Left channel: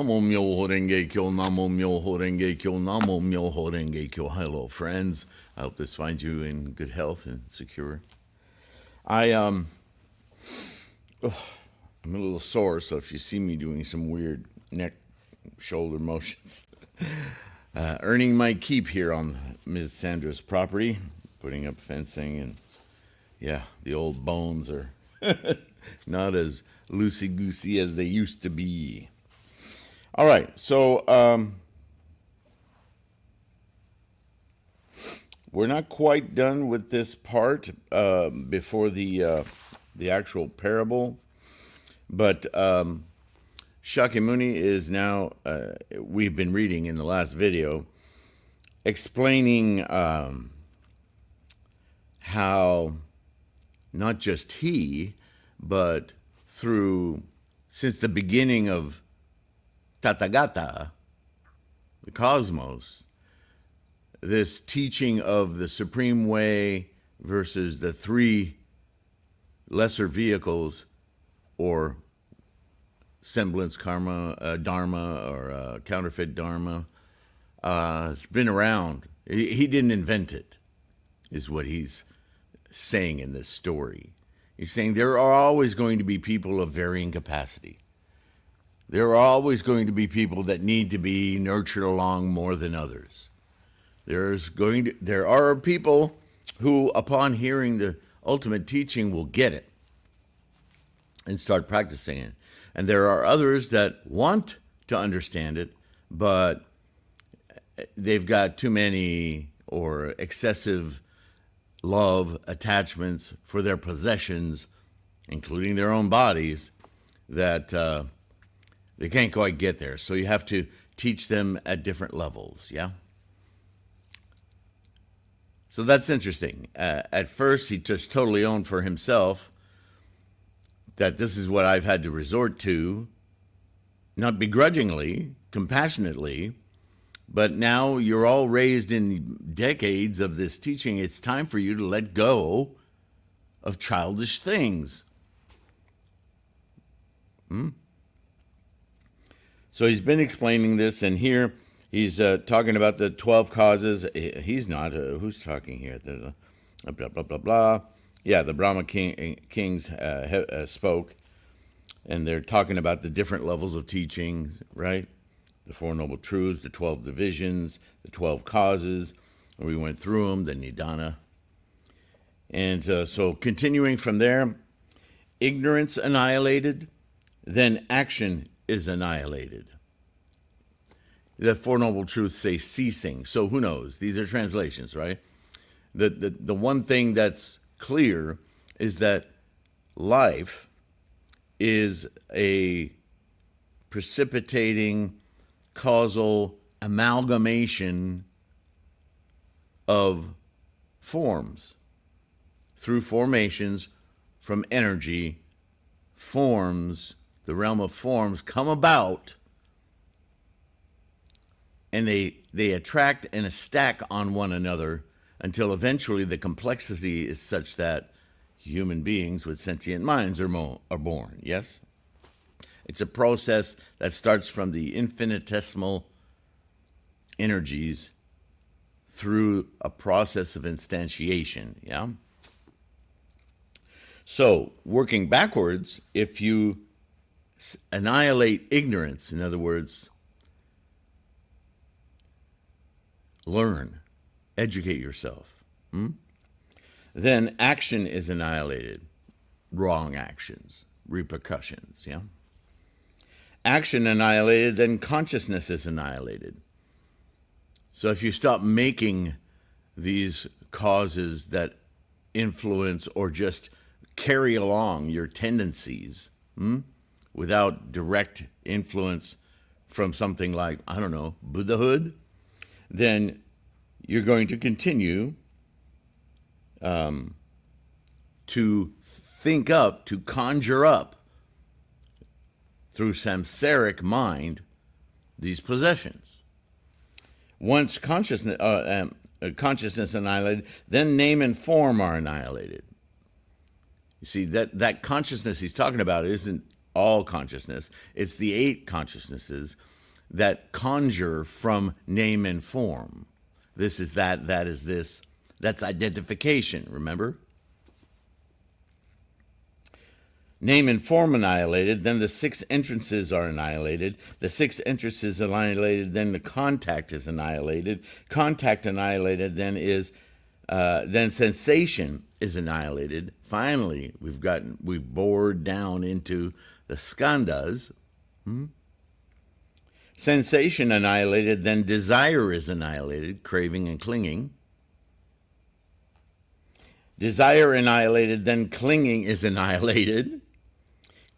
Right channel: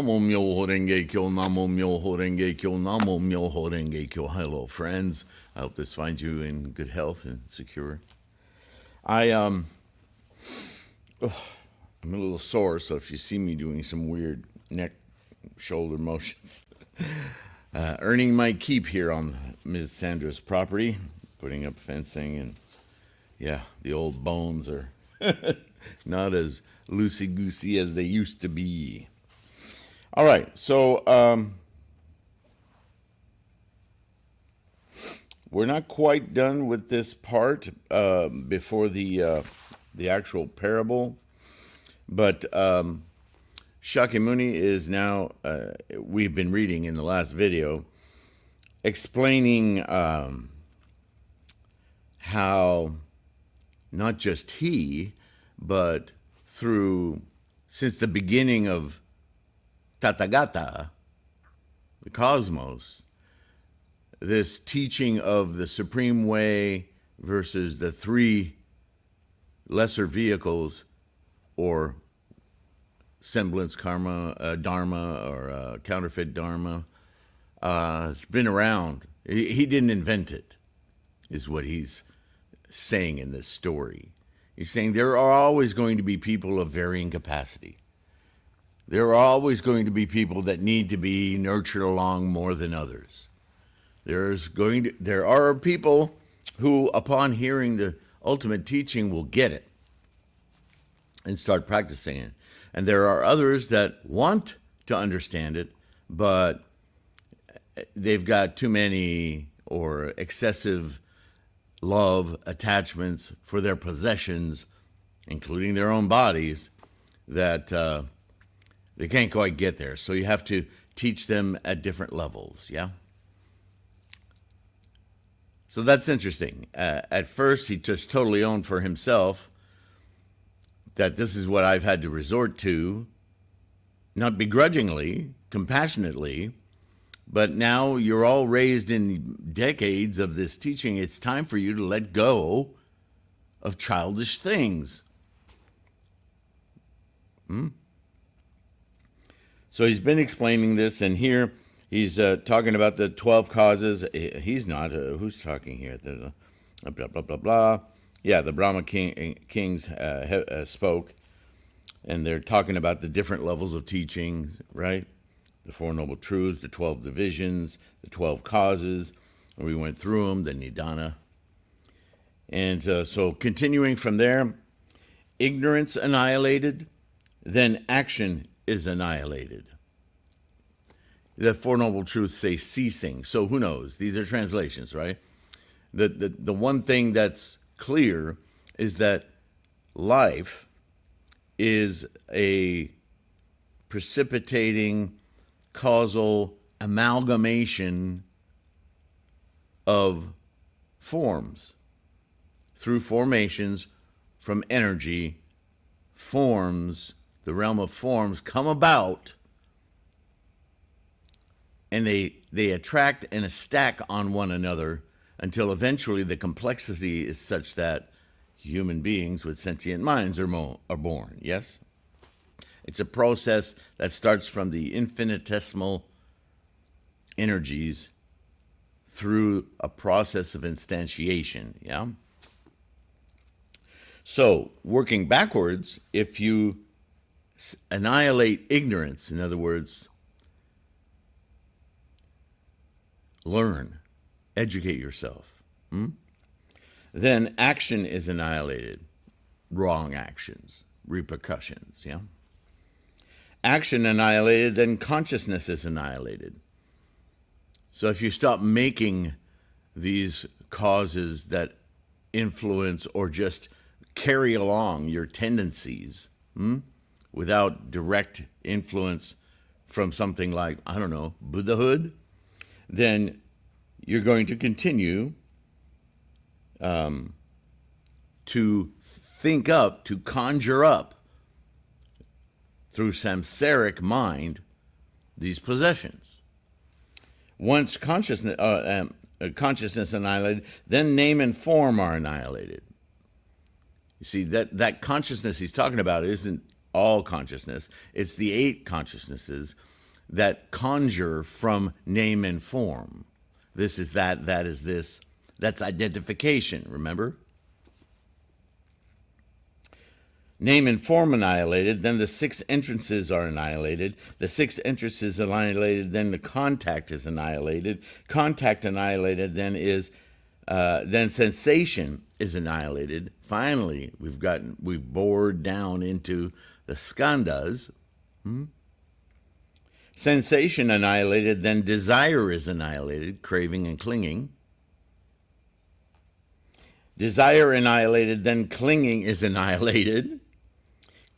Namo Myoho Renge Kyo, Namo Myoho Renge Kyo, Namo Myoho Renge Kyo. Hello, friends. I hope this finds you in good health and secure. I'm a little sore, so if you see me doing some weird neck, shoulder motions, earning my keep here on Ms. Sandra's property, putting up fencing, and yeah, the old bones are not as loosey-goosey as they used to be. All right, so we're not quite done with this part before the actual parable, but Shakyamuni is now, we've been reading in the last video, explaining how not just he, but since the beginning of Tathagata, the cosmos, this teaching of the supreme way versus the three lesser vehicles, or semblance karma, dharma, or counterfeit dharma, it's been around. He didn't invent it, is what he's saying in this story. He's saying there are always going to be people of varying capacity. There are always going to be people that need to be nurtured along more than others. There are people who, upon hearing the ultimate teaching, will get it and start practicing it. And there are others that want to understand it, but they've got too many or excessive love attachments for their possessions, including their own bodies, that they can't quite get there. So you have to teach them at different levels, yeah? So that's interesting. At first, he just totally owned for himself that this is what I've had to resort to, not begrudgingly, compassionately, but now you're all raised in decades of this teaching. It's time for you to let go of childish things. So he's been explaining this, and here he's talking about the 12 causes. He's not. Who's talking here? Blah, blah, blah, blah. Yeah, the Brahma kings spoke, and they're talking about the different levels of teaching, right? The Four Noble Truths, the 12 divisions, the 12 causes. And we went through them, the Nidana. And so continuing from there, ignorance annihilated, then action is annihilated. The Four Noble Truths say ceasing. So who knows? These are translations, right? The one thing that's clear is that life is a precipitating causal amalgamation of forms. Through formations from energy, forms, the realm of forms come about, and they attract and stack on one another until eventually the complexity is such that human beings with sentient minds are born, yes? It's a process that starts from the infinitesimal energies through a process of instantiation, yeah? So, working backwards, if you annihilate ignorance, in other words, learn, educate yourself, then action is annihilated. Wrong actions, repercussions, yeah? Action annihilated, then consciousness is annihilated. So if you stop making these causes that influence or just carry along your tendencies without direct influence from something like, I don't know, Buddhahood, then you're going to continue to think up, to conjure up through samsaric mind these possessions. Once consciousness annihilated, then name and form are annihilated. You see, that consciousness he's talking about isn't all consciousness. It's the 8 consciousnesses that conjure from name and form. This is that, that is this. That's identification, remember? Name and form annihilated, then the 6 entrances are annihilated. The 6 entrances annihilated, then the contact is annihilated. Contact annihilated, then sensation is annihilated. Finally, we've bored down into the skandhas. Sensation annihilated, then desire is annihilated, craving and clinging. Desire annihilated, then clinging is annihilated.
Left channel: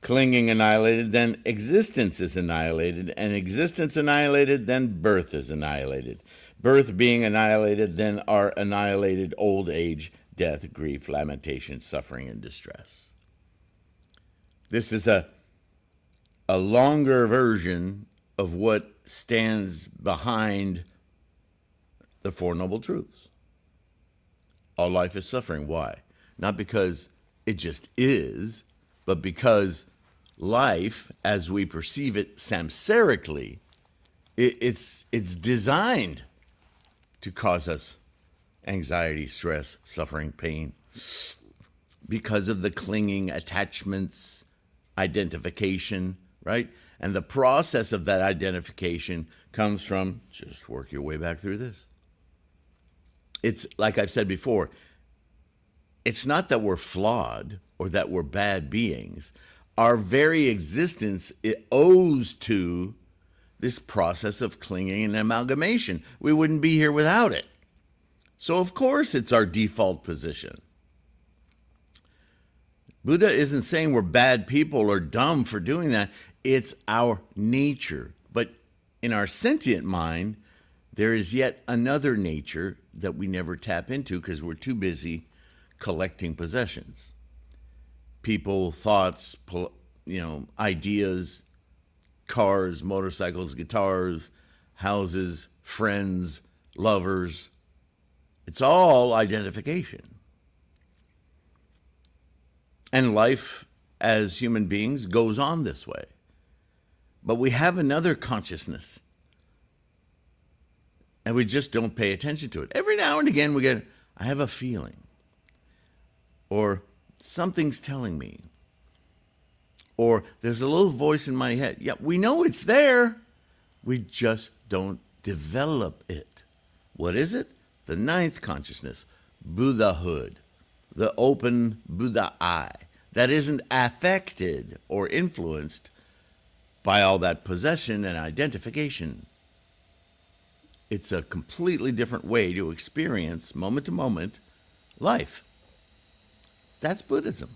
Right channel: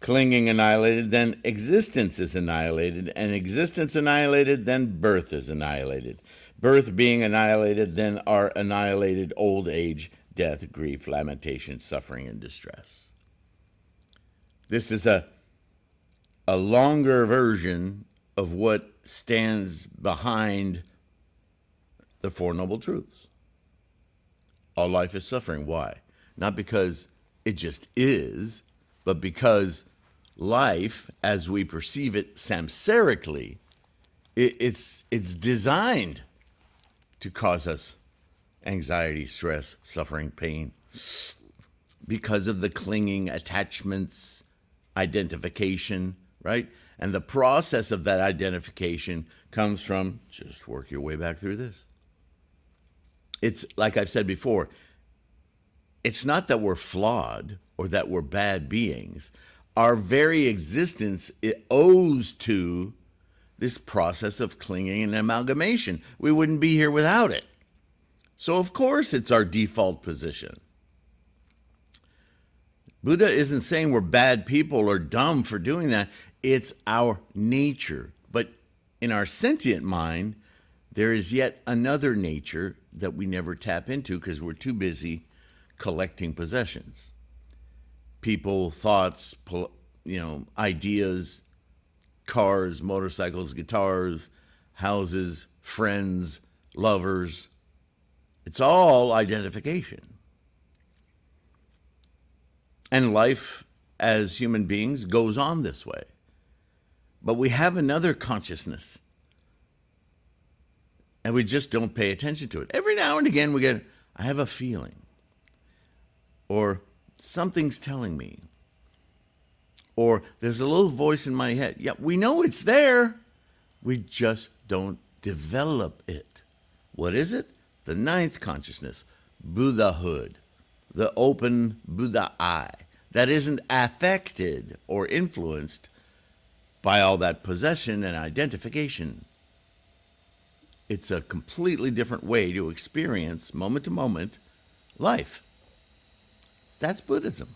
Clinging annihilated, then existence is annihilated. And existence annihilated, then birth is annihilated. Birth being annihilated, then are annihilated old age, death, grief, lamentation, suffering, and distress. This is a longer version of what stands behind the Four Noble Truths. All life is suffering. Why? Not because it just is, but because life, as we perceive it samsarically, it's designed to cause us anxiety, stress, suffering, pain, because of the clinging attachments, identification, right? And the process of that identification comes from, just work your way back through this. It's like I said before, it's not that we're flawed or that we're bad beings. Our very existence, it owes to this process of clinging and amalgamation. We wouldn't be here without it. So of course it's our default position. Buddha isn't saying we're bad people or dumb for doing that. It's our nature. But in our sentient mind, there is yet another nature that we never tap into because we're too busy collecting possessions. People, thoughts, ideas, cars, motorcycles, guitars, houses, friends, lovers. It's all identification. And life as human beings goes on this way. But we have another consciousness. And we just don't pay attention to it. Every now and again we get, I have a feeling. Or something's telling me. Or there's a little voice in my head. Yeah, we know it's there. We just don't develop it. What is it? The 9th consciousness, Buddhahood, the open Buddha eye that isn't affected or influenced by all that possession and identification. It's a completely different way to experience, moment to moment, life. That's Buddhism.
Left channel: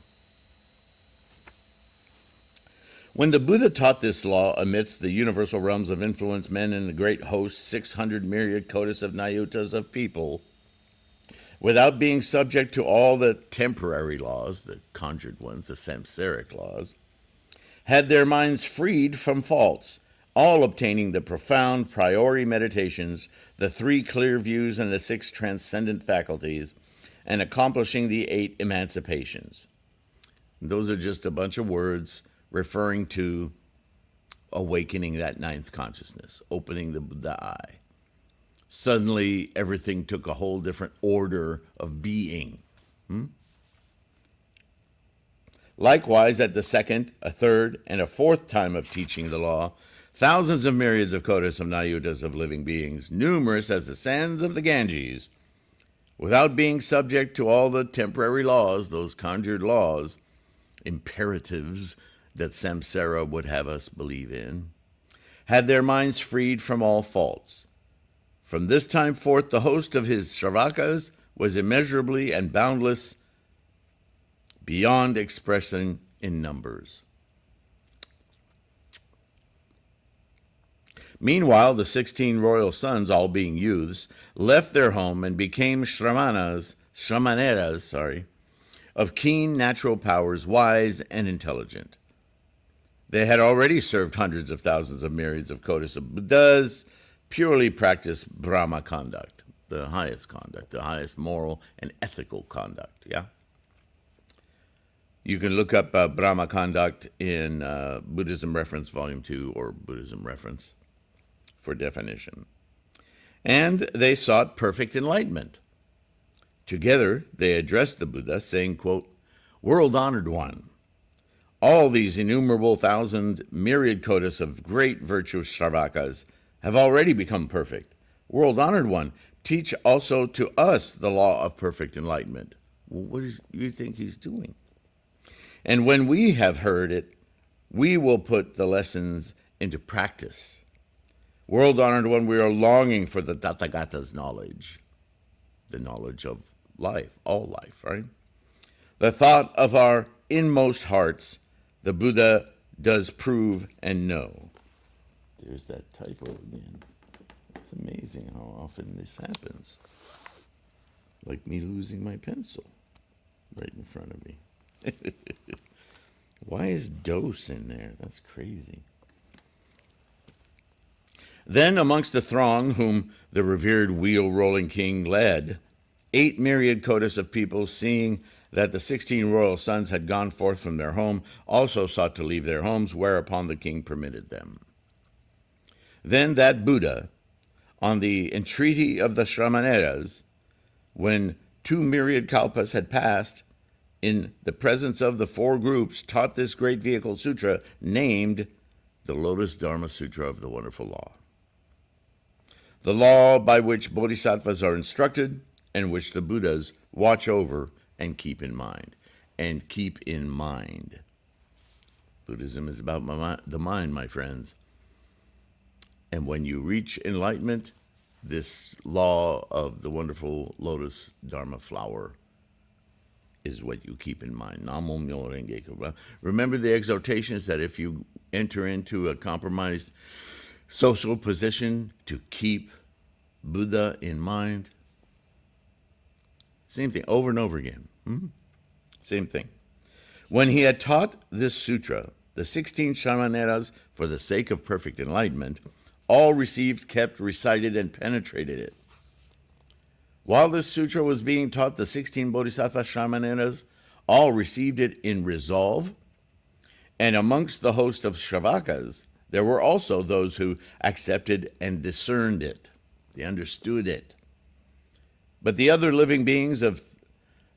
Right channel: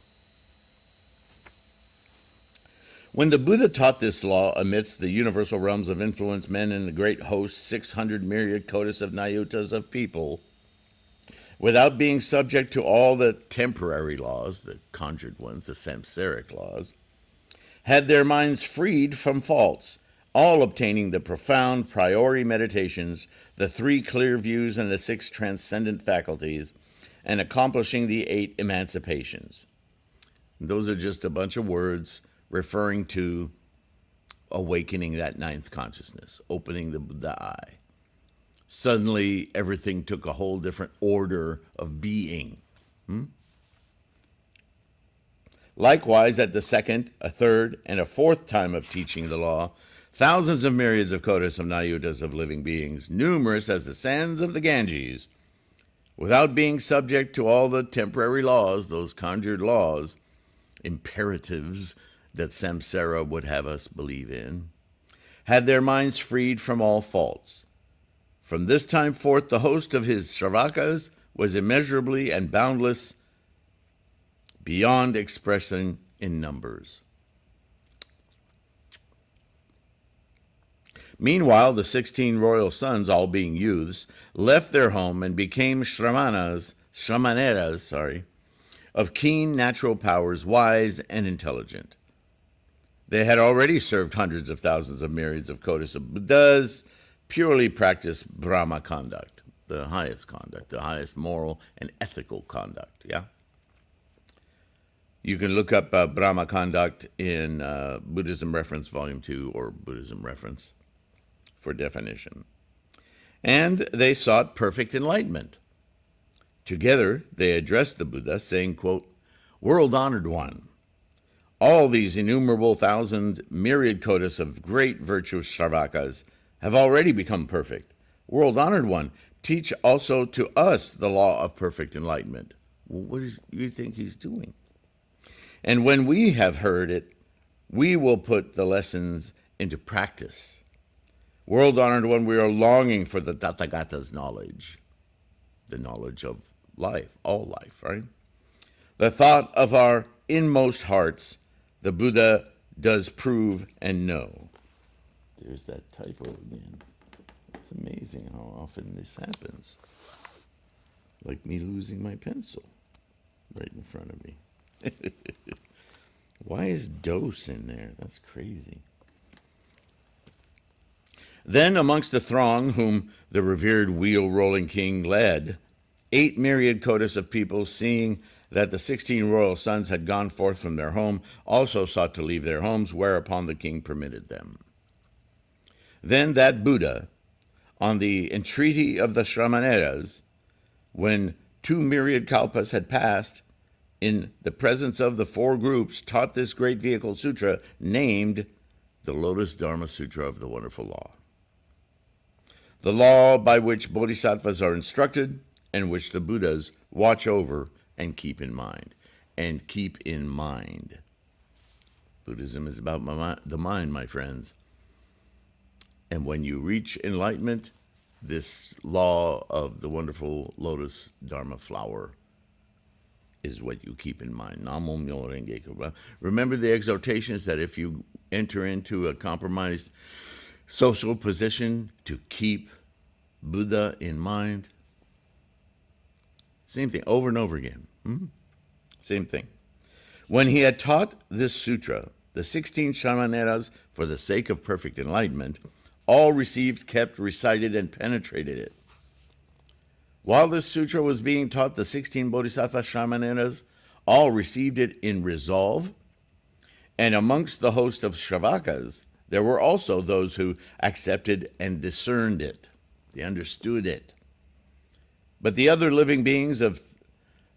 When the Buddha taught this law amidst the universal realms of influence, men in the great host, 600 myriad kotis of nayutas of people, without being subject to all the temporary laws, the conjured ones, the samsaric laws, had their minds freed from faults, all obtaining the profound priori meditations, the 3 clear views, and the 6 transcendent faculties, and accomplishing the 8 emancipations. Those are just a bunch of words referring to awakening that 9th consciousness, opening the eye. Suddenly, everything took a whole different order of being. Likewise, at the 2nd, a 3rd, and a 4th time of teaching the law, thousands of myriads of kotis of nayutas of living beings, numerous as the sands of the Ganges, without being subject to all the temporary laws, those conjured laws, imperatives that samsara would have us believe in, had their minds freed from all faults. From this time forth, the host of his Shravakas was immeasurably and boundless, beyond expression in numbers. Meanwhile, the 16 royal sons, all being youths, left their home and became shramaneras, of keen natural powers, wise and intelligent. They had already served hundreds of thousands of myriads of kotis of Buddhas, purely practiced Brahma conduct, the highest moral and ethical conduct, yeah? You can look up Brahma Conduct in Buddhism Reference Volume 2 or Buddhism Reference for definition. And they sought perfect enlightenment. Together, they addressed the Buddha, saying, quote, "World-honored one, all these innumerable thousand myriad kotas of great virtuous Shravakas have already become perfect. World-honored one, teach also to us the law of perfect enlightenment." Well, what do you think he's doing? "And when we have heard it, we will put the lessons into practice. World-honored one, we are longing for the Tathagata's knowledge, the knowledge of life, all life, right? The thought of our inmost hearts, the Buddha does prove and know." There's that typo again. It's amazing how often this happens. Like me losing my pencil right in front of me. Why is dose in there? That's crazy. Then amongst the throng whom the revered wheel-rolling king led, 8 myriad kotas of people, seeing that the 16 royal sons had gone forth from their home, also sought to leave their homes, whereupon the king permitted them. Then that Buddha, on the entreaty of the Shramaneras, when 2 myriad kalpas had passed, in the presence of the 4 groups, taught this great vehicle sutra named the Lotus Dharma Sutra of the Wonderful Law. The law by which bodhisattvas are instructed and which the Buddhas watch over and keep in mind. And keep in mind. Buddhism is about the mind, my friends. And when you reach enlightenment, this law of the wonderful Lotus Dharma flower is what you keep in mind. Namo Myo Renge Kyo. Remember the exhortations that if you enter into a compromised social position, to keep Buddha in mind. Same thing, over and over again. Same thing. When he had taught this sutra, the 16 Shramaneras, for the sake of perfect enlightenment, all received, kept, recited, and penetrated it. While this sutra was being taught, the 16 Bodhisattva Shramaneras all received it in resolve, and amongst the host of Shravakas, there were also those who accepted and discerned it. They understood it. But the other living beings of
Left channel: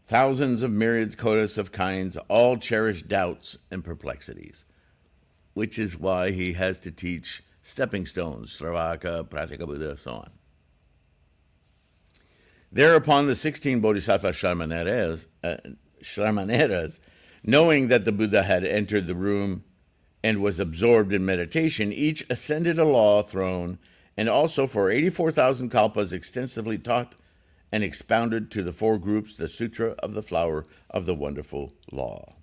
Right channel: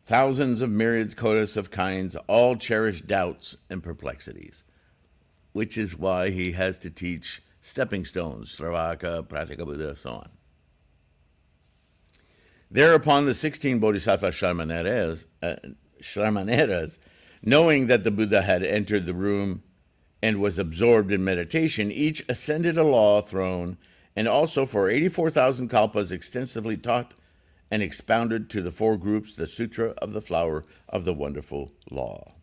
thousands of myriads kotas of kinds all cherished doubts and perplexities, which is why he has to teach stepping stones, Sravaka, Pratika Buddha, so on. Thereupon the 16 Bodhisattva Shramaneras, knowing that the Buddha had entered the room and was absorbed in meditation, each ascended a law throne, and also for 84,000 kalpas extensively taught and expounded to the 4 groups the Sutra of the Flower of the Wonderful Law.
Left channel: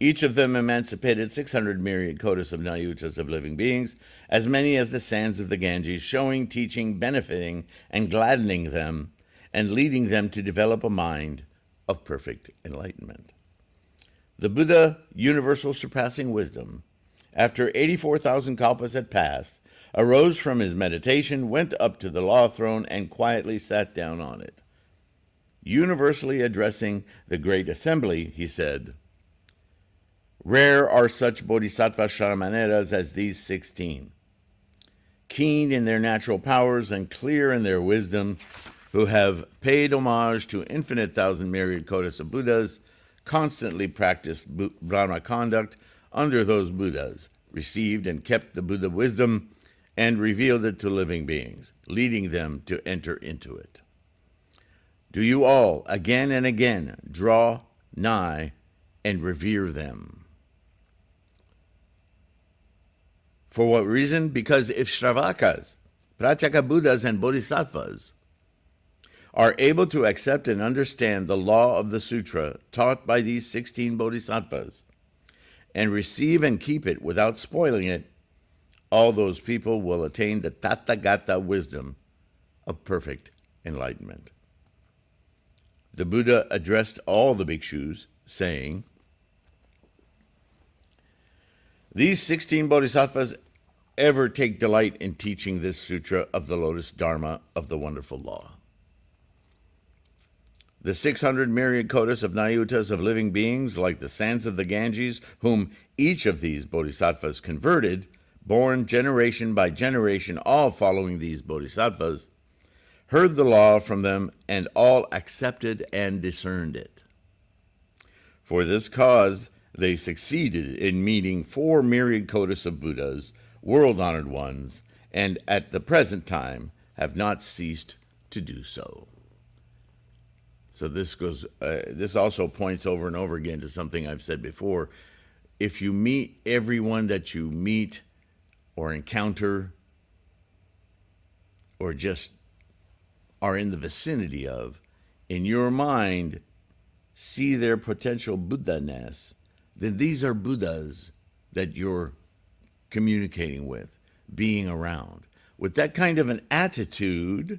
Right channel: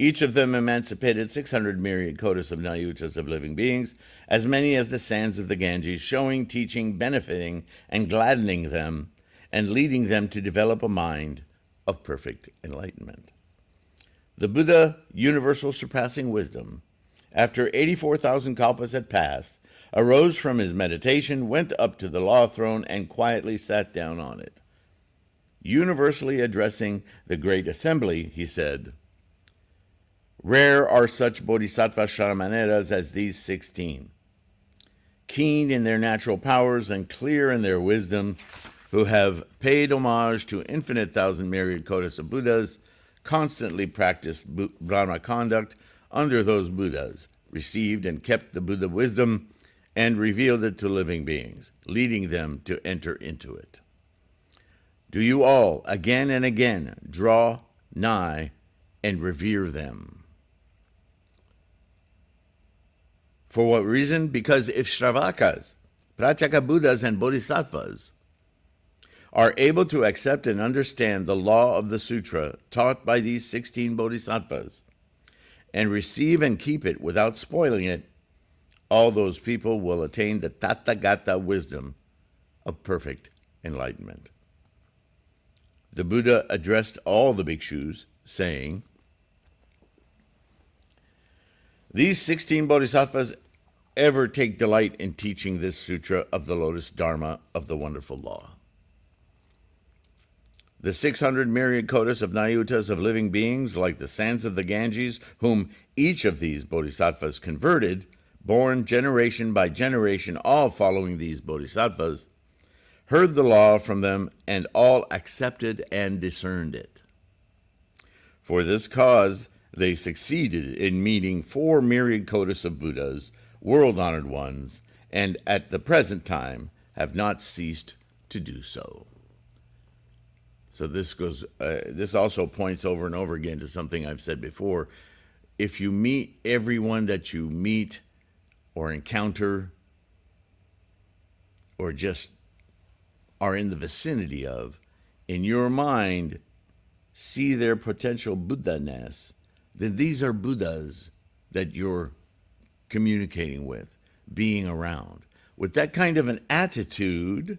Each of them emancipated 600 myriad kotas of nayutas of living beings, as many as the sands of the Ganges, showing, teaching, benefiting, and gladdening them, and leading them to develop a mind of perfect enlightenment. The Buddha, universal surpassing wisdom, after 84,000 kalpas had passed, arose from his meditation, went up to the law throne, and quietly sat down on it. Universally addressing the great assembly, he said, "Rare are such bodhisattva Shramaneras as these 16, keen in their natural powers and clear in their wisdom, who have paid homage to infinite thousand myriad kotas of Buddhas, constantly practiced Brahma conduct under those Buddhas, received and kept the Buddha wisdom, and revealed it to living beings, leading them to enter into it. Do you all, again and again, draw nigh and revere them. For what reason? Because if Shravakas, Pratyeka Buddhas, and Bodhisattvas are able to accept and understand the law of the sutra taught by these 16 Bodhisattvas, and receive and keep it without spoiling it, all those people will attain the Tathagata wisdom of perfect enlightenment. The Buddha addressed all the bhikshus, saying, these 16 Bodhisattvas ever take delight in teaching this sutra of the Lotus Dharma of the Wonderful Law. The 600 myriad kotas of nayutas of living beings, like the sands of the Ganges, whom each of these bodhisattvas converted, born generation by generation, all following these bodhisattvas, heard the law from them, and all accepted and discerned it. For this cause, they succeeded in meeting 4 myriad kotas of Buddhas, world-honored ones, and at the present time have not ceased to do so. So this also points over and over again to something I've said before. If you meet everyone that you meet or encounter or just are in the vicinity of, in your mind, see their potential Buddha-ness, then these are Buddhas that you're communicating with, being around. With that kind of an attitude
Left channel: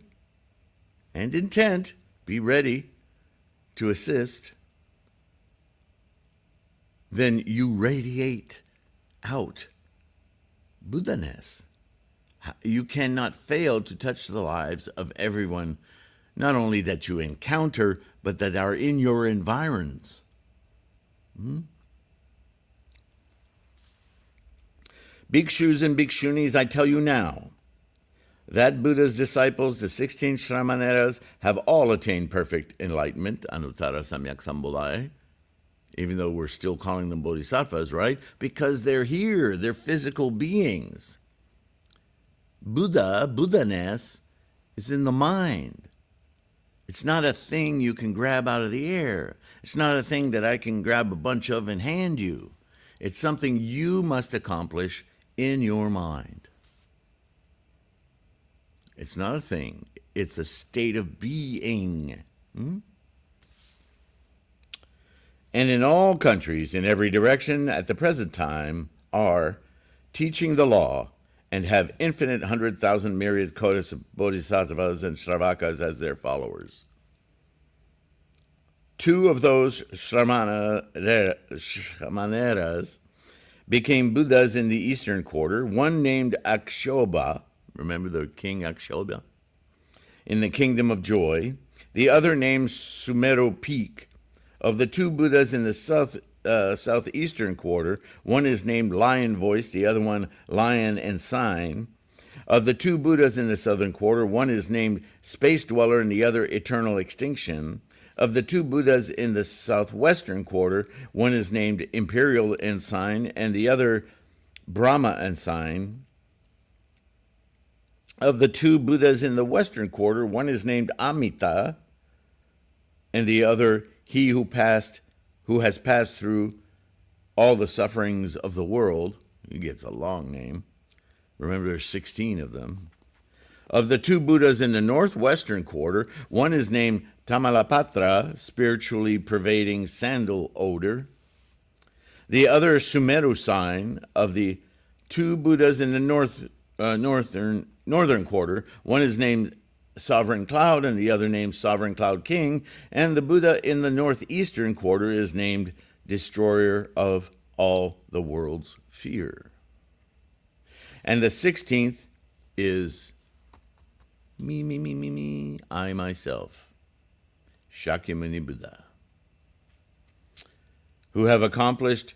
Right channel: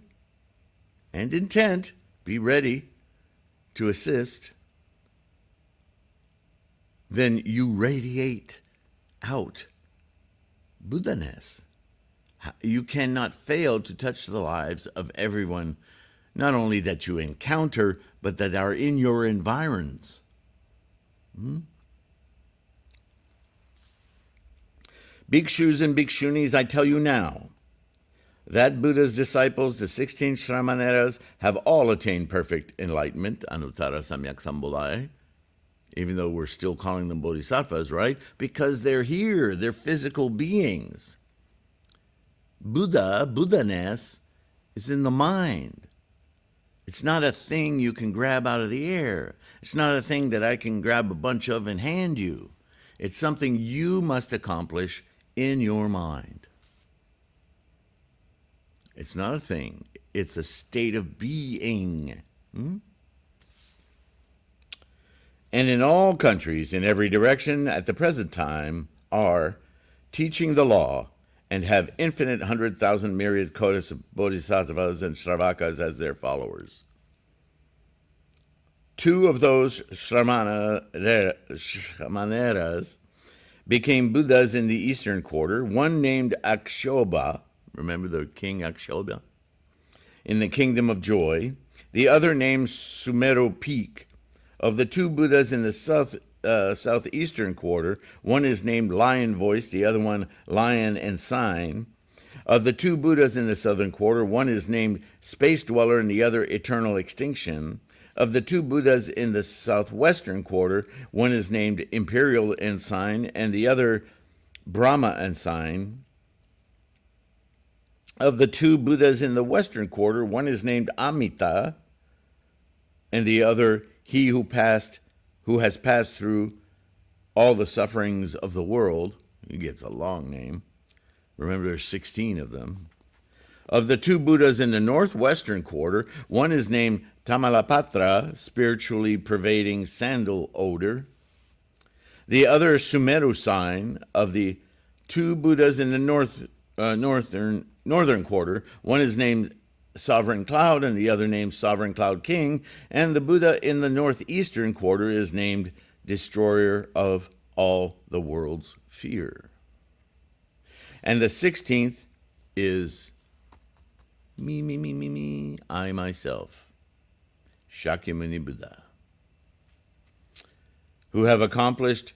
and intent, be ready to assist, then you radiate out Buddha-ness. You cannot fail to touch the lives of everyone, not only that you encounter, but that are in your environs. Bhikshus and bhikshunis, I tell you now, that Buddha's disciples, the 16 Shramaneras, have all attained perfect enlightenment, Anuttara Samyak Sambhulai, even though we're still calling them bodhisattvas, right? Because they're here, they're physical beings. Buddha-ness, is in the mind. It's not a thing you can grab out of the air. It's not a thing that I can grab a bunch of and hand you. It's something you must accomplish in your mind. It's not a thing. It's a state of being. And in all countries, in every direction, at the present time, are teaching the law and have infinite 100,000 myriad kotas of bodhisattvas and shravakas as their followers. 2 of those Shramaneras became Buddhas in the eastern quarter, one named Akshobha, remember the king Akshobha, in the kingdom of joy, the other named Sumeru Peak. Of the 2 Buddhas in the southeastern quarter, one is named Lion Voice, the other one Lion and Sign. Of the 2 Buddhas in the southern quarter, one is named Space Dweller and the other Eternal Extinction. Of the 2 Buddhas in the southwestern quarter, one is named Imperial Ensign and the other Brahma Ensign. Of the 2 Buddhas in the western quarter, one is named Amita and the other He who has passed through all the sufferings of the world. He gets a long name. Remember, there's 16 of them. Of the 2 Buddhas in the northwestern quarter, one is named Tamalapatra, spiritually pervading sandal odor. The other Sumeru Sign. Of the 2 Buddhas in the northern quarter, one is named Sovereign Cloud and the other named Sovereign Cloud King, and the Buddha in the northeastern quarter is named Destroyer of all the world's fear. And the 16th is me, I myself, Shakyamuni Buddha, who have accomplished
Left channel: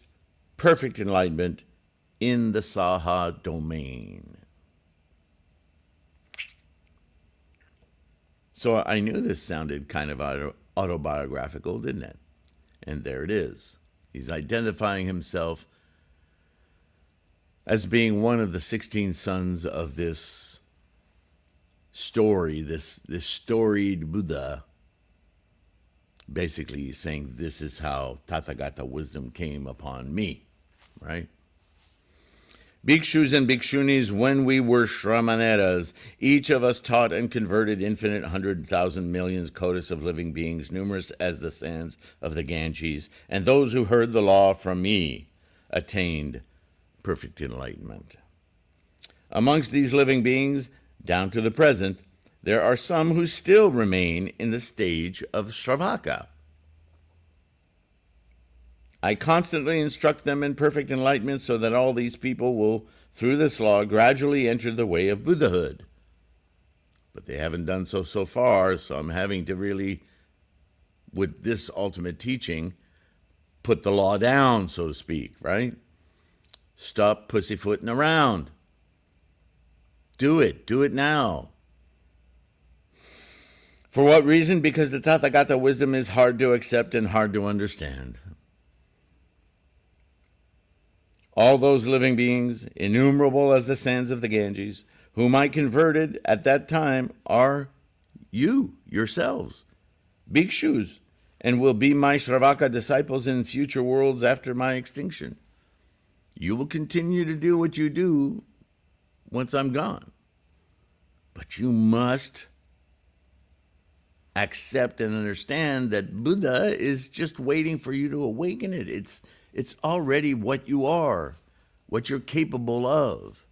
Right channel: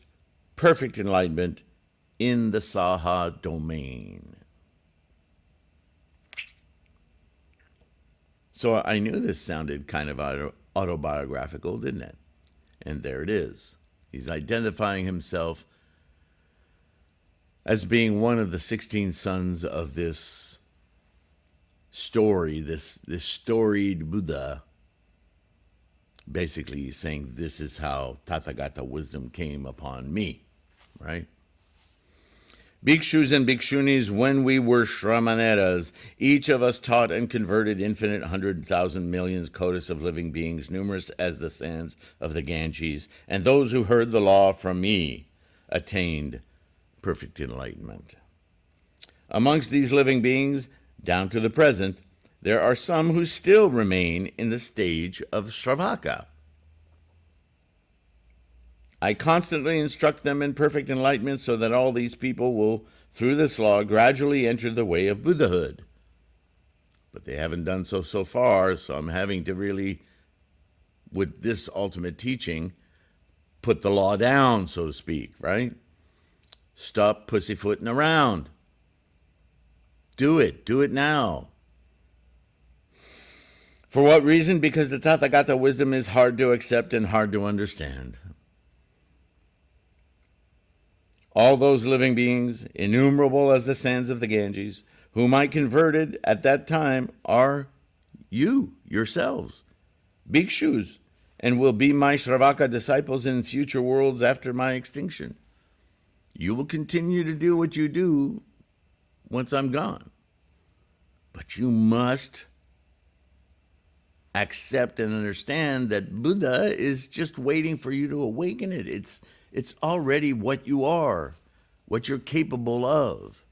perfect enlightenment in the Saha domain. So I knew this sounded kind of autobiographical, didn't it? And there it is. He's identifying himself as being one of the 16 sons of this story, this storied Buddha. Basically, he's saying, this is how Tathagata wisdom came upon me, right? Bhikshus and bhikshunis, when we were Shramaneras, each of us taught and converted infinite 100,000 millions kotas of living beings, numerous as the sands of the Ganges, and those who heard the law from me attained perfect enlightenment. Amongst these living beings, down to the present, there are some who still remain in the stage of Shravaka. I constantly instruct them in perfect enlightenment so that all these people will, through this law, gradually enter the way of Buddhahood. But they haven't done so far, so I'm having to really with this ultimate teaching, put the law down, so to speak, right? Stop pussyfooting around. Do it now. For what reason? Because the Tathagata wisdom is hard to accept and hard to understand. All those living beings, innumerable as the sands of the Ganges, whom I converted at that time, are you, yourselves, bhikshus, and will be my Shravaka disciples in future worlds after my extinction. You will continue to do what you do once I'm gone. But you must accept and understand that Buddha is just waiting for you to awaken it. It's already what you are, what you're capable of.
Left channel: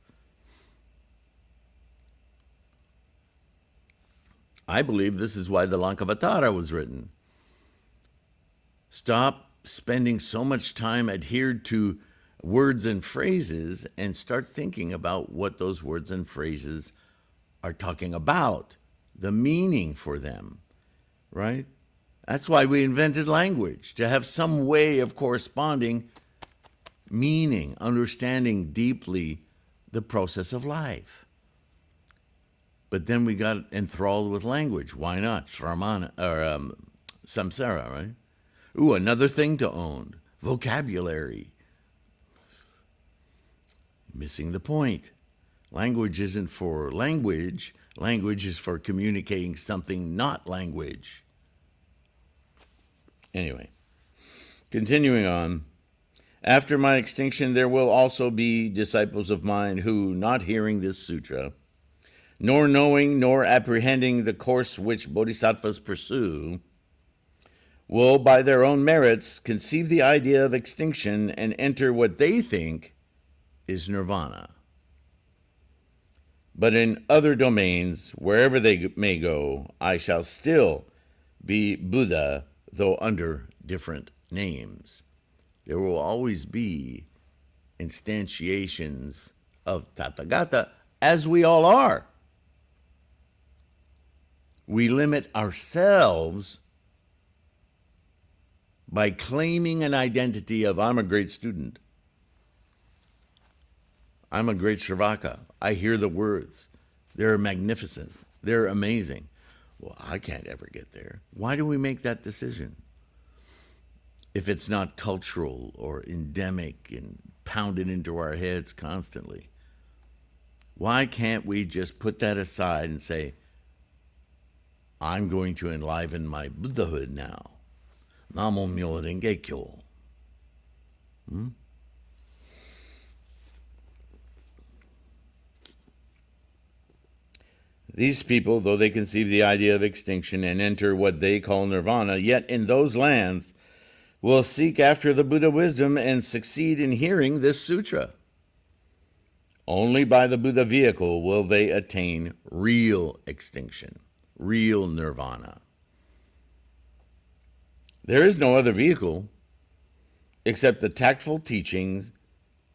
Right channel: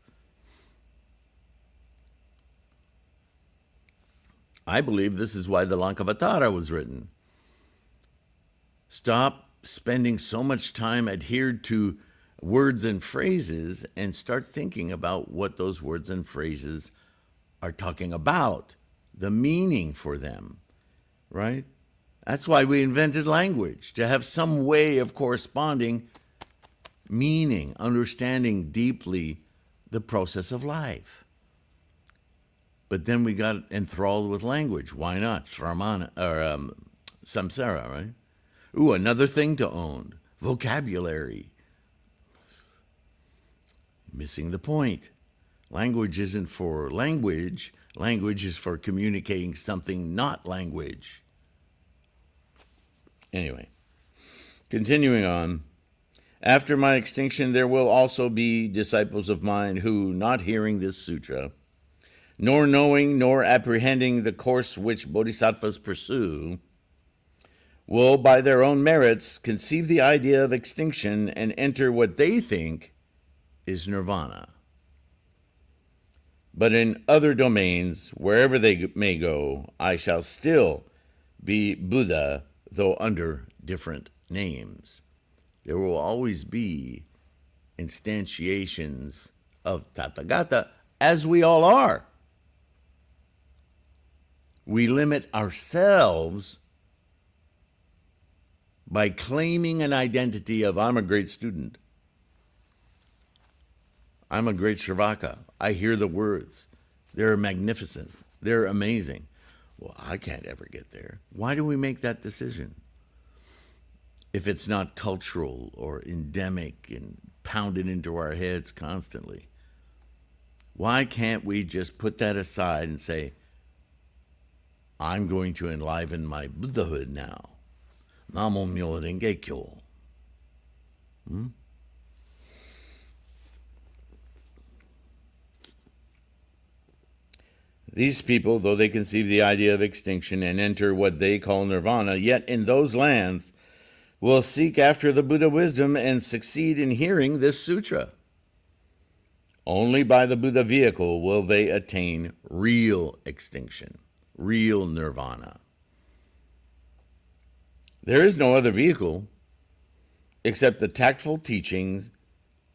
I believe this is why the Lankavatara was written. Stop spending so much time adhered to words and phrases and start thinking about what those words and phrases are talking about, the meaning for them, right? That's why we invented language, to have some way of corresponding meaning, understanding deeply the process of life. But then we got enthralled with language. Why not? Samsara, right? Ooh, another thing to own. Vocabulary. Missing the point. Language isn't for language. Language is for communicating something not language. Anyway, continuing on. After my extinction, there will also be disciples of mine who, not hearing this sutra, nor knowing nor apprehending the course which bodhisattvas pursue, will by their own merits conceive the idea of extinction and enter what they think is nirvana. But in other domains, wherever they may go, I shall still be Buddha, though under different names. There will always be instantiations of Tathagata, as we all are. We limit ourselves by claiming an identity of, I'm a great student. I'm a great Shravaka. I hear the words. They're magnificent. They're amazing. Well, I can't ever get there. Why do we make that decision? If it's not cultural or endemic and pounded into our heads constantly. Why can't we just put that aside and say, I'm going to enliven my Buddhahood now. Namo Myo Renge Kyo. These people, though they conceive the idea of extinction and enter what they call nirvana, yet in those lands will seek after the Buddha wisdom and succeed in hearing this sutra. Only by the Buddha vehicle will they attain real extinction, real nirvana. There is no other vehicle except the tactful teachings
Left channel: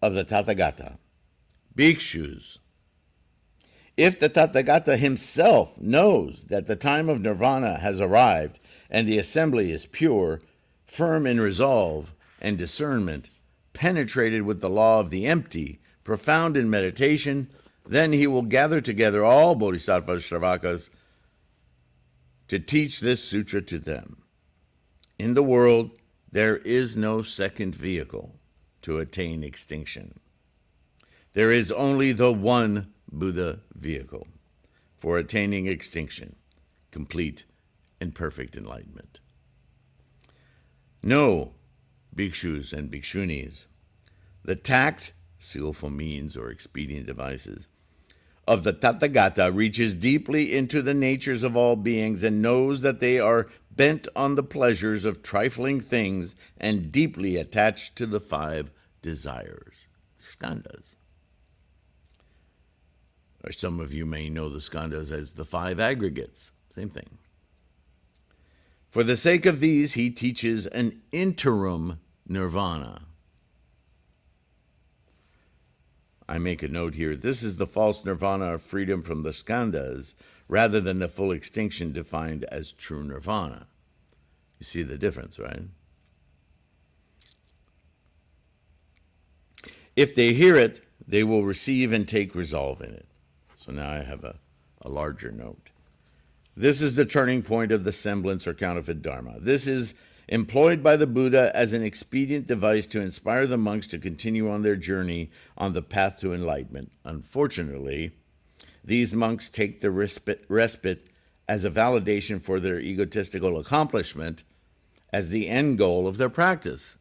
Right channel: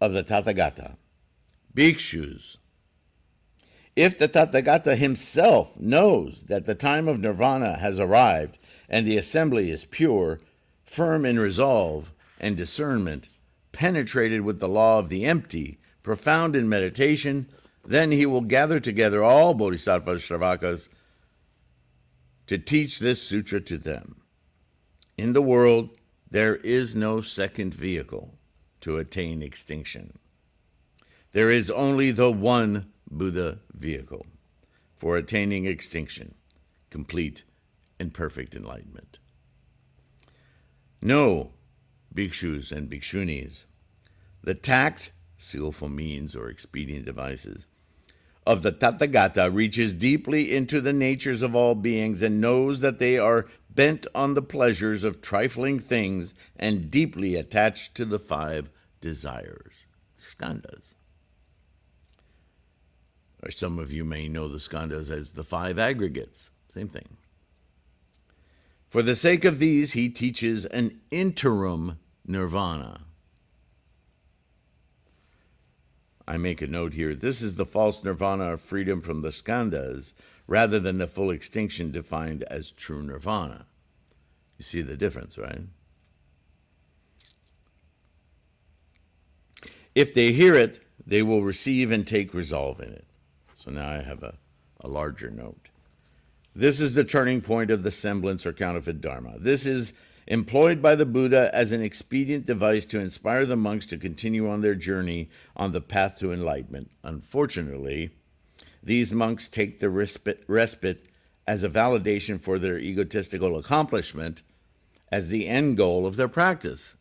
of the Tathagata, bhikshus. If the Tathagata himself knows that the time of nirvana has arrived and the assembly is pure, firm in resolve and discernment, penetrated with the law of the empty, profound in meditation, then he will gather together all bodhisattvas, shravakas, to teach this sutra to them. In the world, there is no second vehicle to attain extinction. There is only the one Buddha vehicle for attaining extinction, complete and perfect enlightenment. Know, bhikshus and bhikshunis, the tact, skillful means or expedient devices, of the Tathagata reaches deeply into the natures of all beings and knows that they are bent on the pleasures of trifling things and deeply attached to the 5 desires, skandhas. Or some of you may know the skandhas as the 5 aggregates, same thing. For the sake of these, he teaches an interim nirvana. I make a note here. This is the false nirvana of freedom from the skandhas, rather than the full extinction defined as true nirvana. You see the difference, right? If they hear it, they will receive and take resolve in it. So now I have a larger note. This is the turning point of the semblance or counterfeit Dharma. This is employed by the Buddha as an expedient device to inspire the monks to continue on their journey on the path to enlightenment. Unfortunately, these monks take the respite as a validation for their egotistical accomplishment as the end goal of their practice.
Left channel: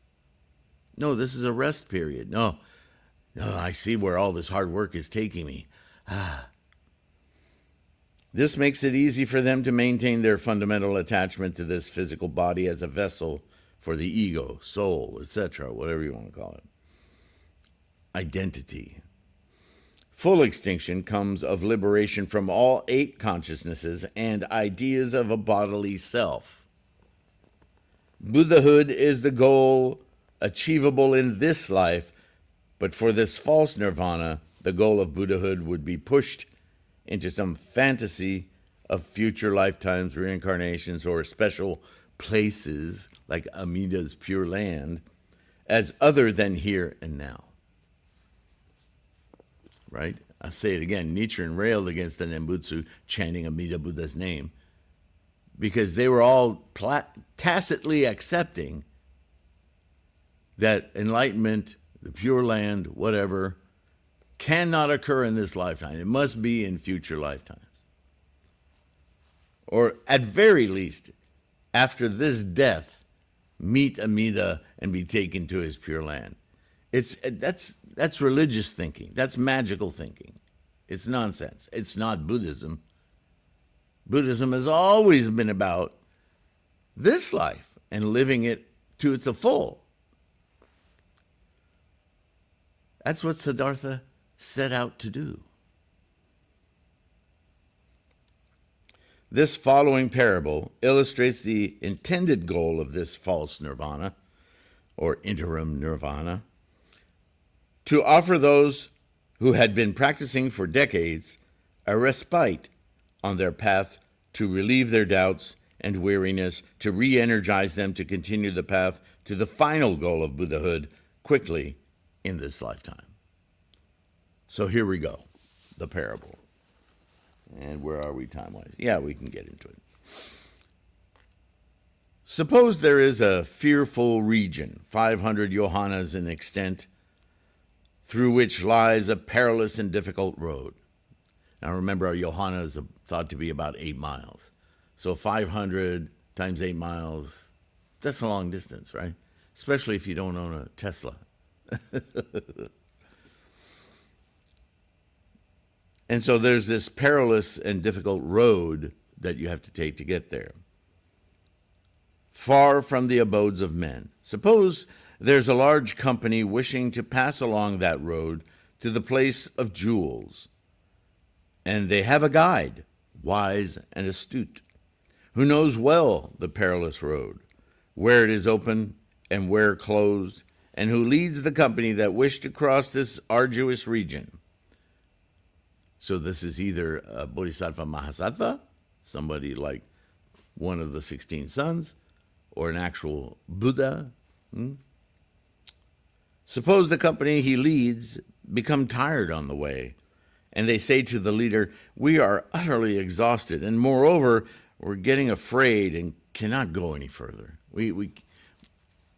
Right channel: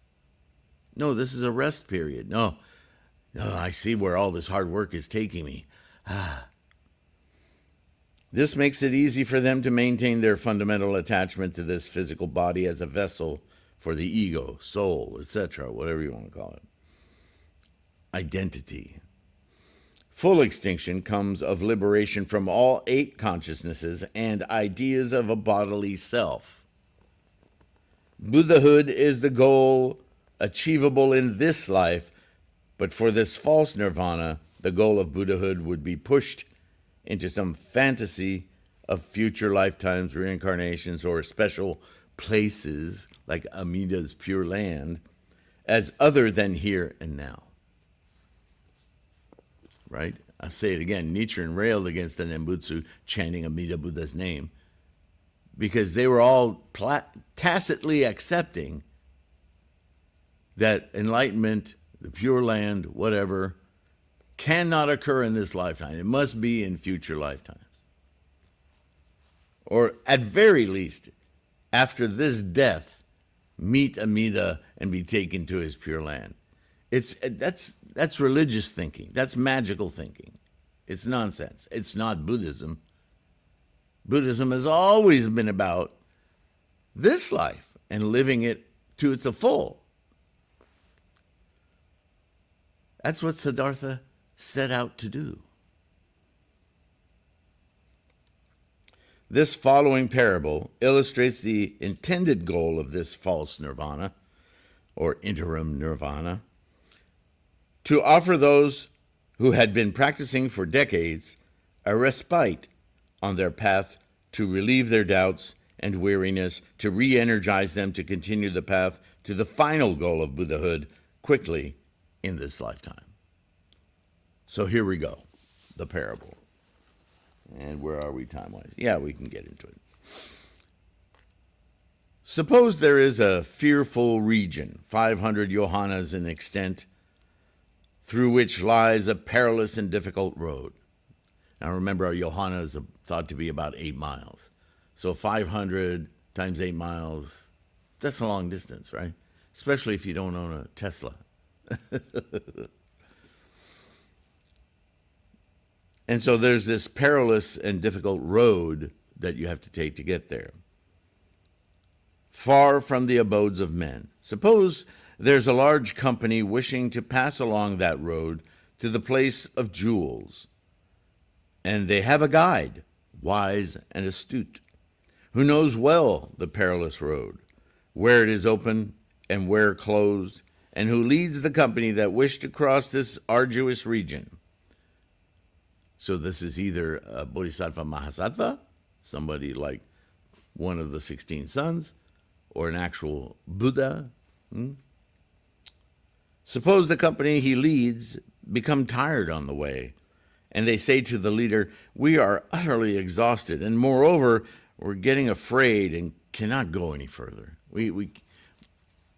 No, this is a rest period. No, I see where all this hard work is taking me. This makes it easy for them to maintain their fundamental attachment to this physical body as a vessel for the ego, soul, etc., whatever you want to call it. Identity. Full extinction comes of liberation from all 8 consciousnesses and ideas of a bodily self. Buddhahood is the goal achievable in this life, but for this false nirvana, the goal of Buddhahood would be pushed into some fantasy of future lifetimes, reincarnations, or special places like Amida's Pure Land as other than here and now. Right? I'll say it again. Nichiren railed against the Nembutsu chanting Amida Buddha's name because they were all tacitly accepting that enlightenment, the Pure Land, whatever, cannot occur in this lifetime. It must be in future lifetimes. Or at very least, after this death, meet Amida and be taken to his Pure Land. That's religious thinking. That's magical thinking. It's nonsense. It's not Buddhism. Buddhism has always been about this life and living it to the full. That's what Siddhartha set out to do. This following parable illustrates the intended goal of this false nirvana, or interim nirvana, to offer those who had been practicing for decades a respite on their path to relieve their doubts and weariness, to re-energize them to continue the path to the final goal of Buddhahood quickly in this lifetime. So here we go, the parable. And where are we time-wise? Yeah, we can get into it. Suppose there is a fearful region, 500 yohanas in extent, through which lies a perilous and difficult road. Now remember, our yohana is thought to be about 8 miles. So 500 times 8 miles, that's a long distance, right? Especially if you don't own a Tesla. And so there's this perilous and difficult road that you have to take to get there. Far from the abodes of men. Suppose there's a large company wishing to pass along that road to the place of jewels. And they have a guide, wise and astute, who knows well the perilous road, where it is open and where closed, and who leads the company that wish to cross this arduous region. So this is either a Bodhisattva Mahasattva, somebody like one of the 16 sons, or an actual Buddha. Suppose the company he leads become tired on the way, and they say to the leader, "We are utterly exhausted, and moreover, we're getting afraid and cannot go any further.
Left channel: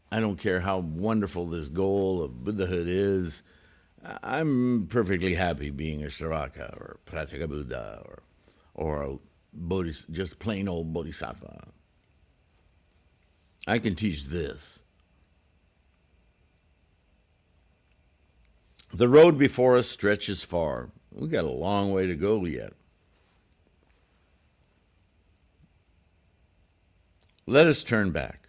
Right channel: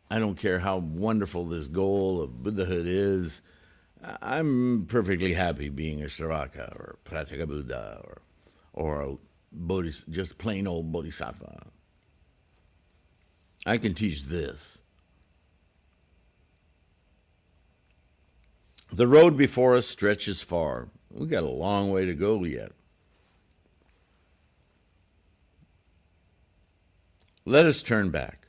I don't care how wonderful this goal of Buddhahood is. I'm perfectly happy being a Saraka or Pratyeka Buddha or a just plain old Bodhisattva. I can teach this." The road before us stretches far. We've got a long way to go yet. Let us turn back.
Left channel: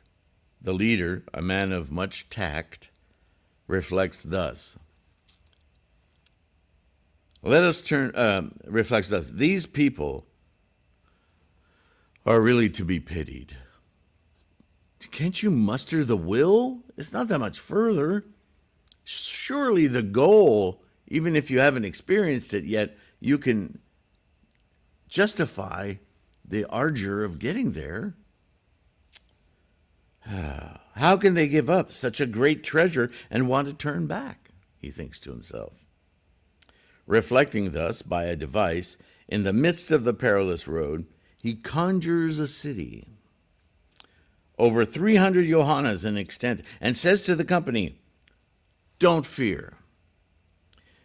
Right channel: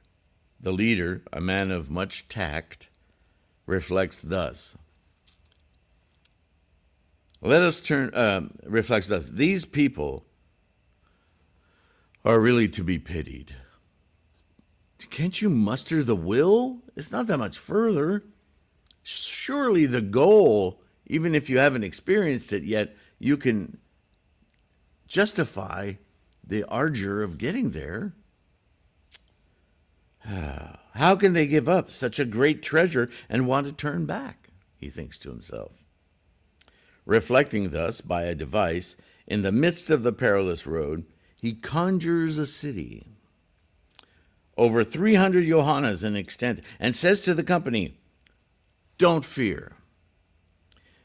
The leader, a man of much tact, reflects thus. Reflects thus. These people are really to be pitied. Can't you muster the will? It's not that much further. Surely the goal, even if you haven't experienced it yet, you can justify the ardor of getting there. How can they give up such a great treasure and want to turn back? He thinks to himself. Reflecting thus by a device, in the midst of the perilous road, he conjures a city, over 300 yohanas in extent, and says to the company, "Don't fear,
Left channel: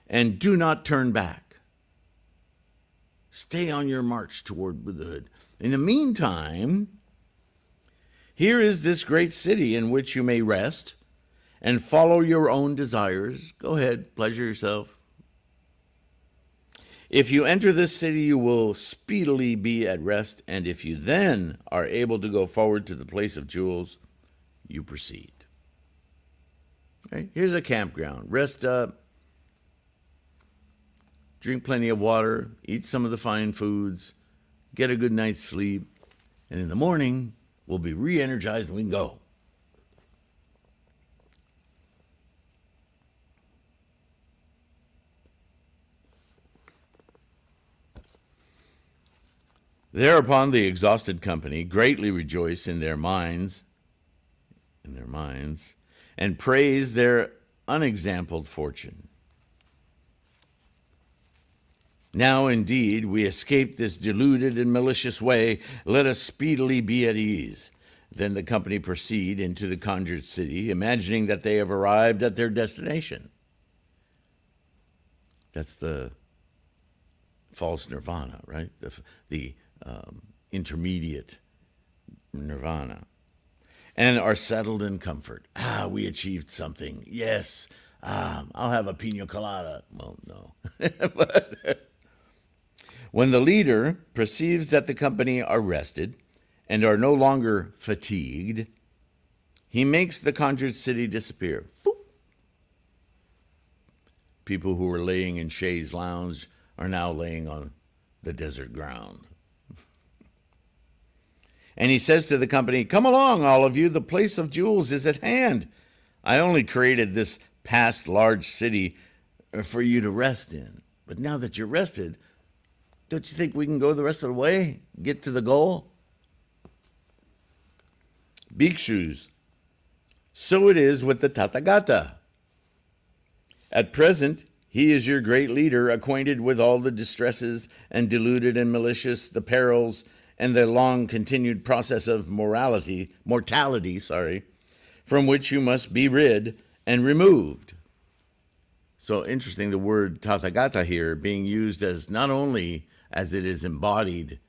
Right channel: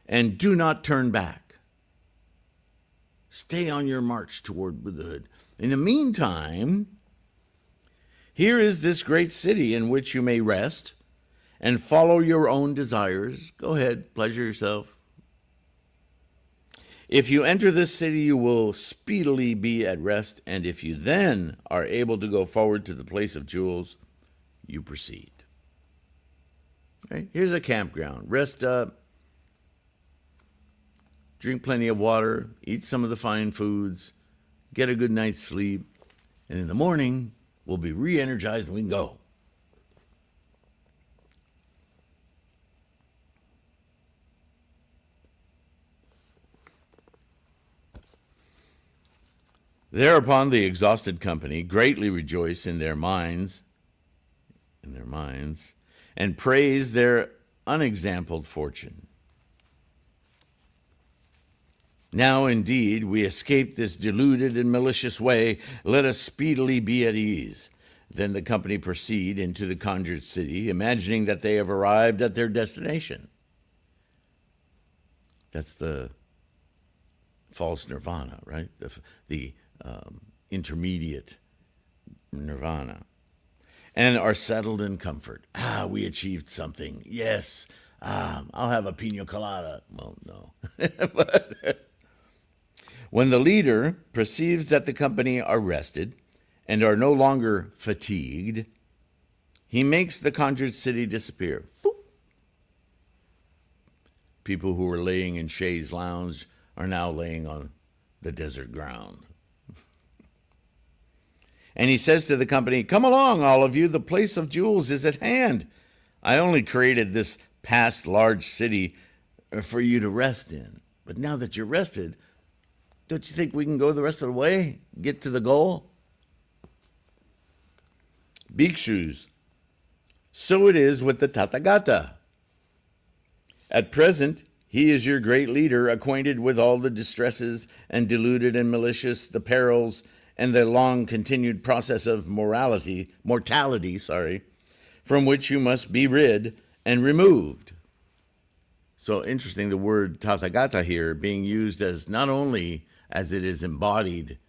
and do not turn back. Stay on your march toward Buddhahood. In the meantime, here is this great city in which you may rest and follow your own desires. Go ahead, pleasure yourself. If you enter this city, you will speedily be at rest, and if you then are able to go forward to the place of jewels, you proceed." Okay, here's a campground. Rest up, drink plenty of water, eat some of the fine foods, get a good night's sleep, and in the morning, we'll be re-energized and we can go. Thereupon the exhausted company greatly rejoice in their minds, and praise their unexampled fortune. Now indeed we escape this deluded and malicious way. Let us speedily be at ease. Then the company proceed into the Conjured City, imagining that they have arrived at their destination. That's the false nirvana, right? The intermediate nirvana, and are settled in comfort. We achieved something. Yes, I'll have a pina colada. Well, no. But when the leader perceives that the company are rested and are no longer fatigued, he makes the Conjured City disappear. People who were laying in Shay's lounge are now laying on the desert ground. And he says to the company, "Come along, all of you, the place of jewels is at hand. I only created this past large city for you to rest in. But now that you're rested, don't you think we can go the rest of the way, get to the goal?" Bhikshus, so it is with the Tathagata. At present, he is your great leader, acquainted with all the distresses and deluded and malicious, the perils, and the long-continued process of mortality, from which you must be rid and removed. So interesting, the word Tathagata here being used as not only as it is embodied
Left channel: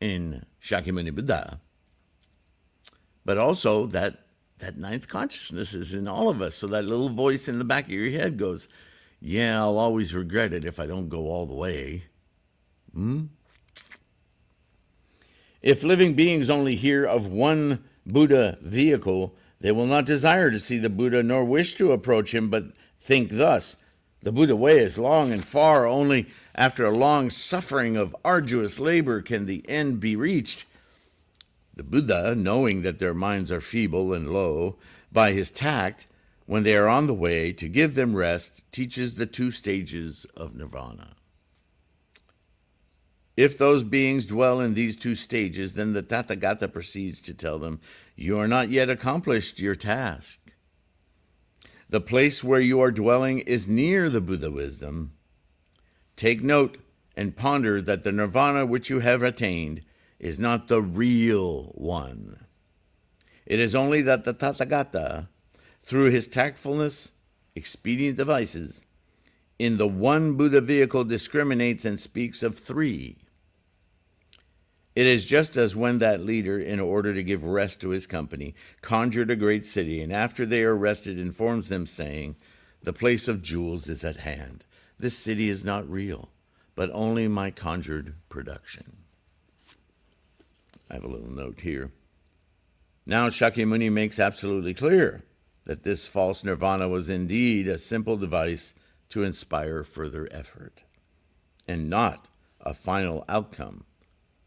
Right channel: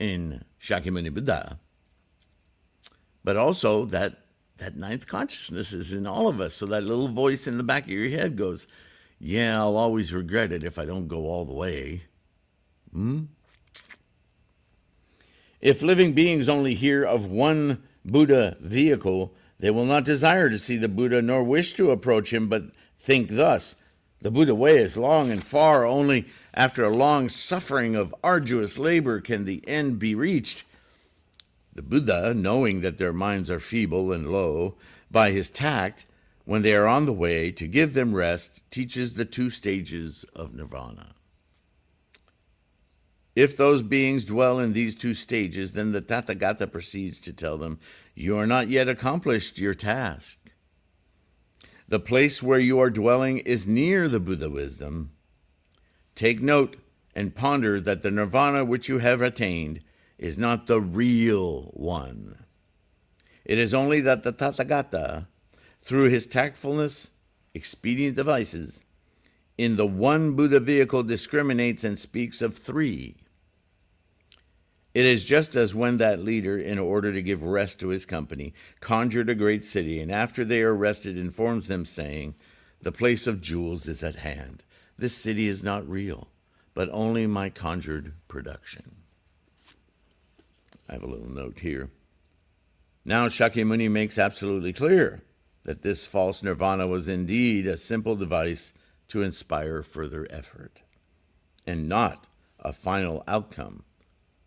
in Shakyamuni Buddha, but also that ninth consciousness is in all of us. So that little voice in the back of your head goes, "Yeah, I'll always regret it if I don't go all the way." If living beings only hear of one Buddha vehicle, they will not desire to see the Buddha nor wish to approach him, but think thus: the Buddha way is long and far. Only after a long suffering of arduous labor can the end be reached. The Buddha, knowing that their minds are feeble and low, by his tact, when they are on the way, to give them rest, teaches the 2 stages of nirvana. If those beings dwell in these 2 stages, then the Tathagata proceeds to tell them, "You are not yet accomplished your task. The place where you are dwelling is near the Buddha wisdom. Take note and ponder that the nirvana which you have attained is not the real one. It is only that the Tathagata, through his tactfulness, expedient devices, in the one Buddha vehicle discriminates and speaks of 3. It is just as when that leader, in order to give rest to his company, conjured a great city, and after they are rested informs them, saying, 'The place of jewels is at hand. This city is not real, but only my conjured production.'" I have a little note here. Now Shakyamuni makes absolutely clear that this false nirvana was indeed a simple device to inspire further effort, and not a final outcome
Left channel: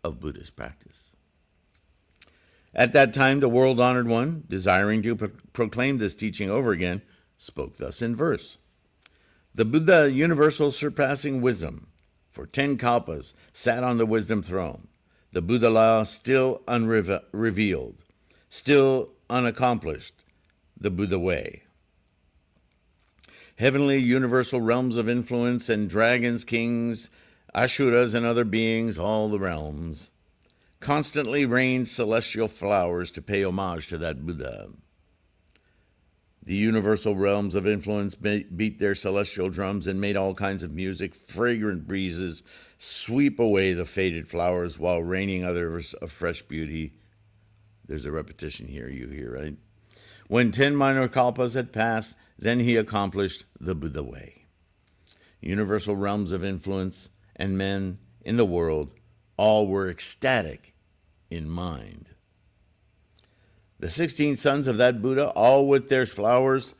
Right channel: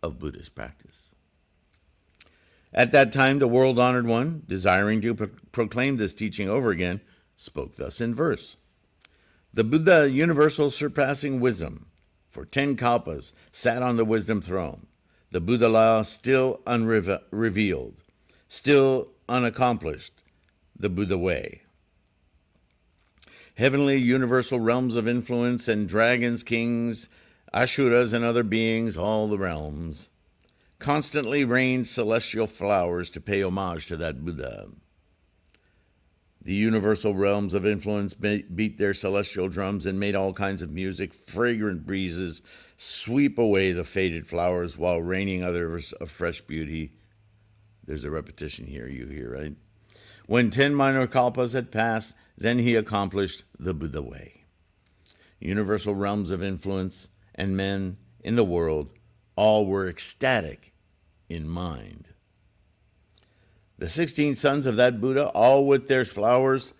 of Buddhist practice. At that time, the world-honored one, desiring to proclaim this teaching over again, spoke thus in verse: "The Buddha, universal surpassing wisdom, for 10 kalpas sat on the wisdom throne. The Buddha law still unrevealed. still unaccomplished the Buddha way. Heavenly universal realms of influence and dragons, kings, asuras, and other beings, all the realms, constantly rained celestial flowers to pay homage to that Buddha. The universal realms of influence beat their celestial drums and made all kinds of music. Fragrant breezes sweep away the faded flowers while raining others of fresh beauty. There's a repetition here, you hear, right? When 10 minor kalpas had passed, then he accomplished the Buddha way. Universal realms of influence and men in the world all were ecstatic in mind. The 16 sons of that Buddha, all with their followers,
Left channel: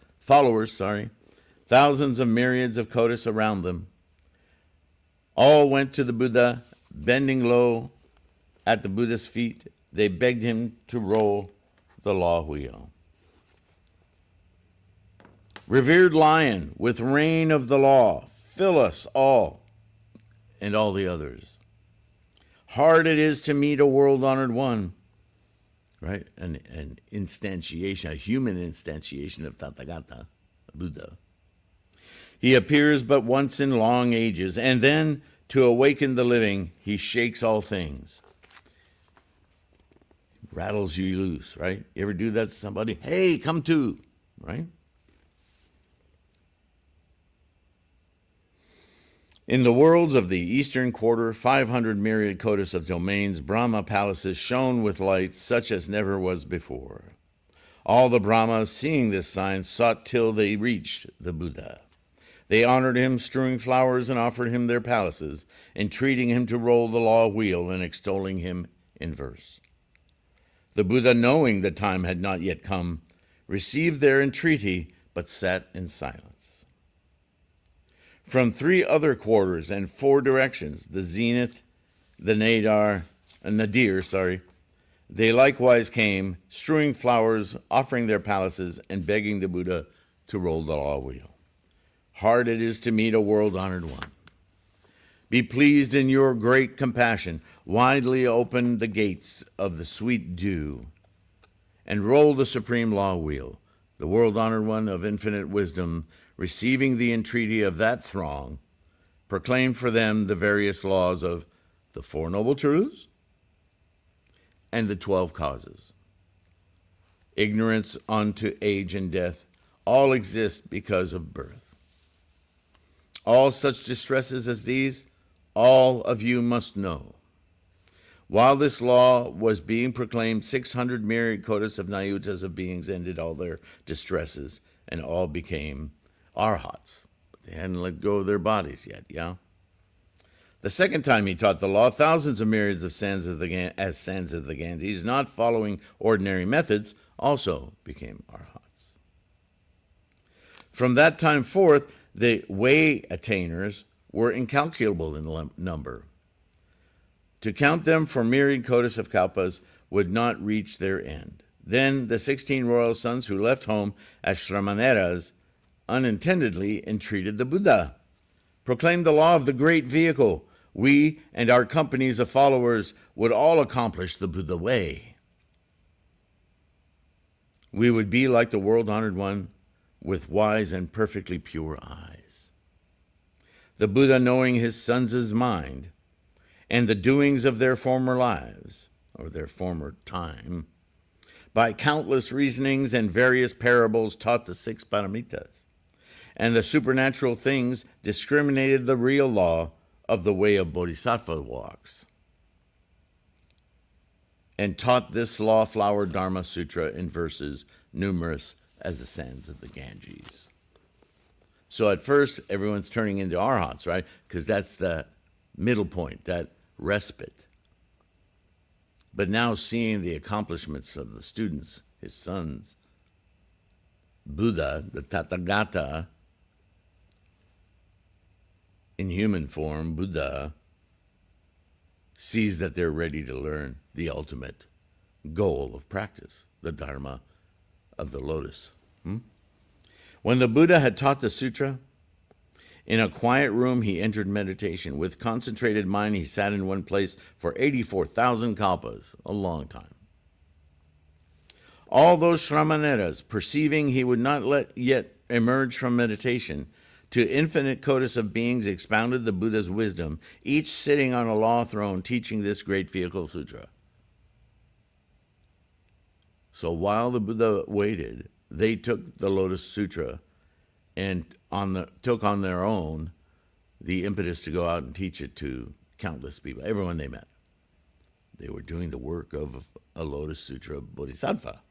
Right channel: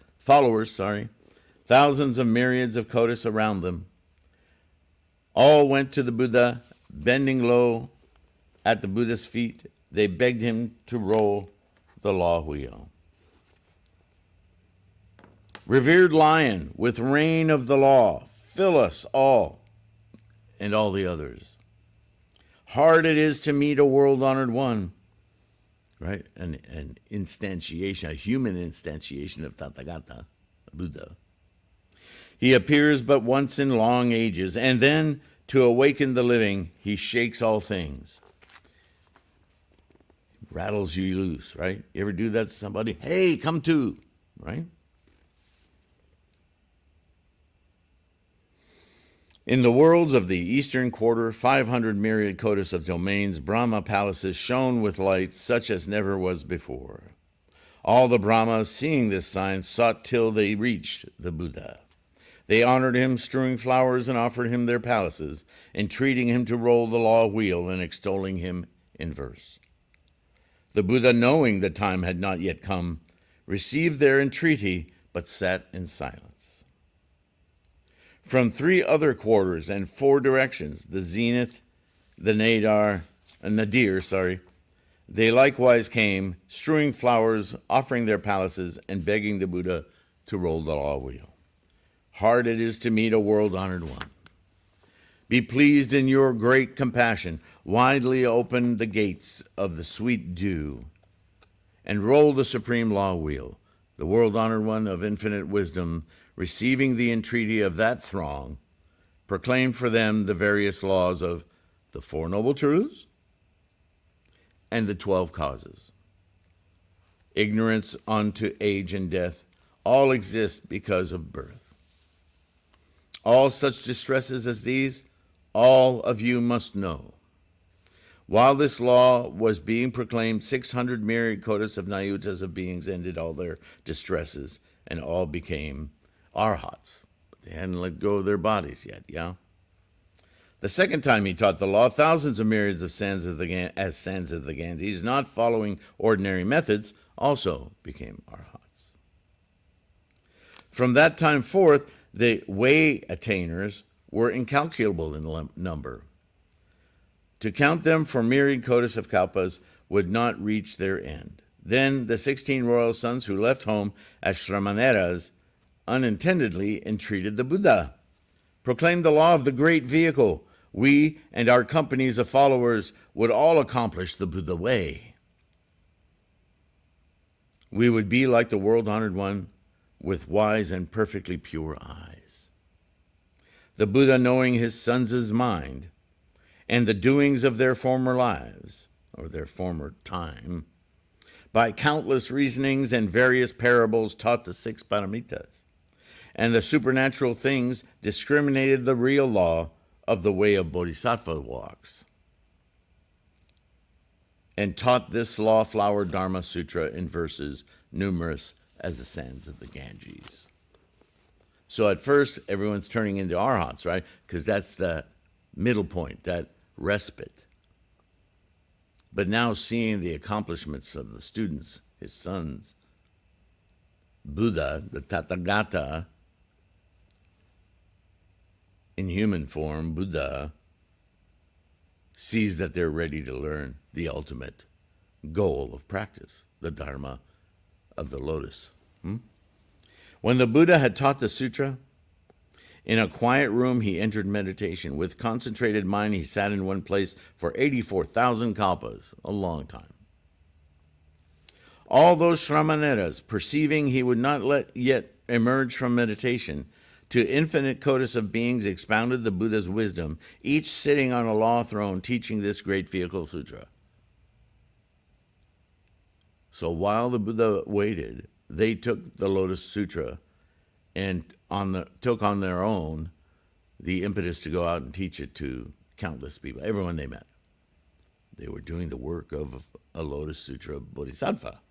thousands of myriads of kotis around them, all went to the Buddha, bending low at the Buddha's feet. They begged him to roll the law wheel. Revered lion, with reign of the law, fill us all and all the others. Hard it is to meet a world-honored one, right? An instantiation, a human instantiation of Tathagata, Buddha. He appears but once in long ages, and then to awaken the living, he shakes all things. Rattles you loose, right? You ever do that to somebody? Hey, come to, right? In the worlds of the eastern quarter, 500 myriad kotis of domains, Brahma palaces shone with light such as never was before. All the Brahmas, seeing this sign, sought till they reached the Buddha. They honored him, strewing flowers, and offered him their palaces, entreating him to roll the law wheel and extolling him in verse. The Buddha, knowing the time had not yet come, received their entreaty, but sat in silence. From 3 other quarters and 4 directions, the zenith, the nadir, they likewise came, strewing flowers, offering their palaces, and begging the Buddha to roll the law wheel. Hard it is to meet a world-honored one. Be pleased in your great compassion, widely open the gates of the sweet dew, and roll the supreme law wheel, the world-honored one of infinite wisdom, receiving the entreaty of that throng, proclaim for them the various laws of the 4 Noble Truths and the 12 causes. Ignorance unto age and death, all exist because of birth. All such distresses as these, all of you must know. While this law was being proclaimed, 600 myriad kotis of nayutas of beings ended all their distresses, and all became arhats. But they hadn't let go of their bodies yet, yeah? The second time he taught the law, thousands of myriads of sands of the Ganges, not following ordinary methods, also became arhats. From that time forth, the way attainers were incalculable in number. To count them for myriad kotis of kalpas would not reach their end. Then the 16 royal sons who left home as Shramaneras unintendedly entreated the Buddha, proclaimed the law of the great vehicle. We and our companies of followers would all accomplish the Buddha way. We would be like the world-honored one with wise and perfectly pure eyes. The Buddha, knowing his sons' mind and the doings of their former lives, or their former time, by countless reasonings and various parables taught the 6 paramitas, and the supernatural things discriminated the real law of the way of Bodhisattva walks, and taught this law flower Dharma Sutra in verses numerous as the sands of the Ganges. So at first, everyone's turning into arhats, right? Because that's the middle point, that respite. But now seeing the accomplishments of the students, his sons, Buddha, the Tathagata, in human form, Buddha, sees that they're ready to learn the ultimate goal of practice, the Dharma of the Lotus. When the Buddha had taught the sutra, in a quiet room he entered meditation. With concentrated mind he sat in one place for 84,000 kalpas, a long time. All those Shramaneras, perceiving he would not let yet emerge from meditation, to infinite codas of beings expounded the Buddha's wisdom, each sitting on a law throne teaching this great vehicle sutra. So while the Buddha waited, they took the Lotus Sutra and took on their own the impetus to go out and teach it to countless people, everyone they met. They were doing the work of a Lotus Sutra Bodhisattva.